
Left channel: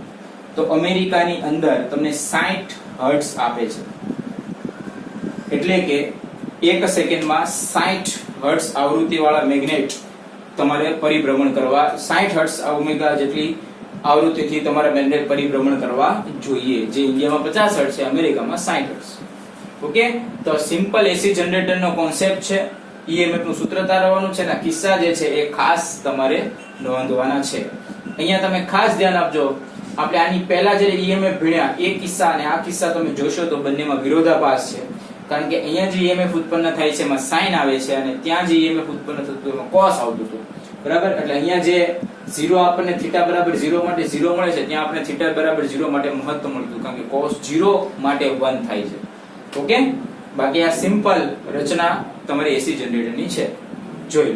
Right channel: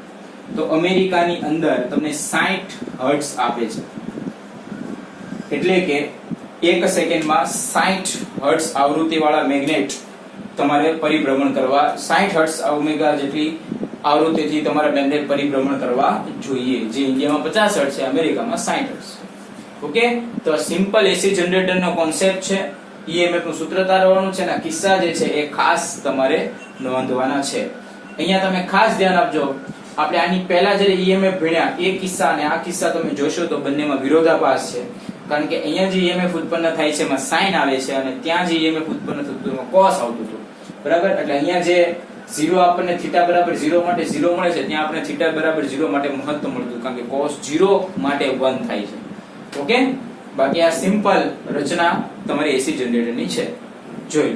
તો અમેરિકાની અંદર તમને 60 હર્ટ્ઝ આપે છે. એટલે કે 1 સેકન્ડમાં 60 હર્ટ્ઝ આવૃત્તિ વાળા મેગ્નેટ તમારે પરિભ્રમણ કરવા, 60 હર્ટ્ઝ ઓમેગા જેટલી આવૃત્તિથી તમારે મેગ્નેટ પરિભ્રમણ કરવા જોઈએ. જે ઇન્ડિયામાં 50 હર્ટ્ઝ છે, અમેરિકામાં 60 હર્ટ્ઝ. ઓકે, તો સિમ્પલ એસી જનરેટરનો કોન્સેપ્ટ છે. ઈએમએફ નું સૂત્ર તારવવાનું છે અને કિસ્સા જે છે એ ખાસ તમારે નોંધવાના છે. અહીંયા તમે ખાસ ધ્યાન આપજો, આપણે આની પહેલા જ્યારે ઈએમએફ ભણ્યા એ કિસ્સા અને આ કિસ્સા તમે જોશો તો બંનેમાં વિરોધાભાસ છે. કારણ કે અહીંયા જે ઈએમએફ ઉત્પન્ન થાય છે એમાં સાઇન આવે છે અને ત્યાં જે ઈએમએફ ઉત્પન્ન થતું હતું એમાં કોસ આવતું હતું, બરાબર. એટલે અહીંયા જે 0 આપણને θ બરાબર 0 માટે 0 મળે છે, ત્યાં આપણે θ બરાબર 0 માટે મહત્તમ મળતું, કારણ કે cos 0 માટે 1 થાય છે. ઓકે, બાકી આ સિમ્પલ રચના તમારી એસી જનરેટરની છે, જોઈ.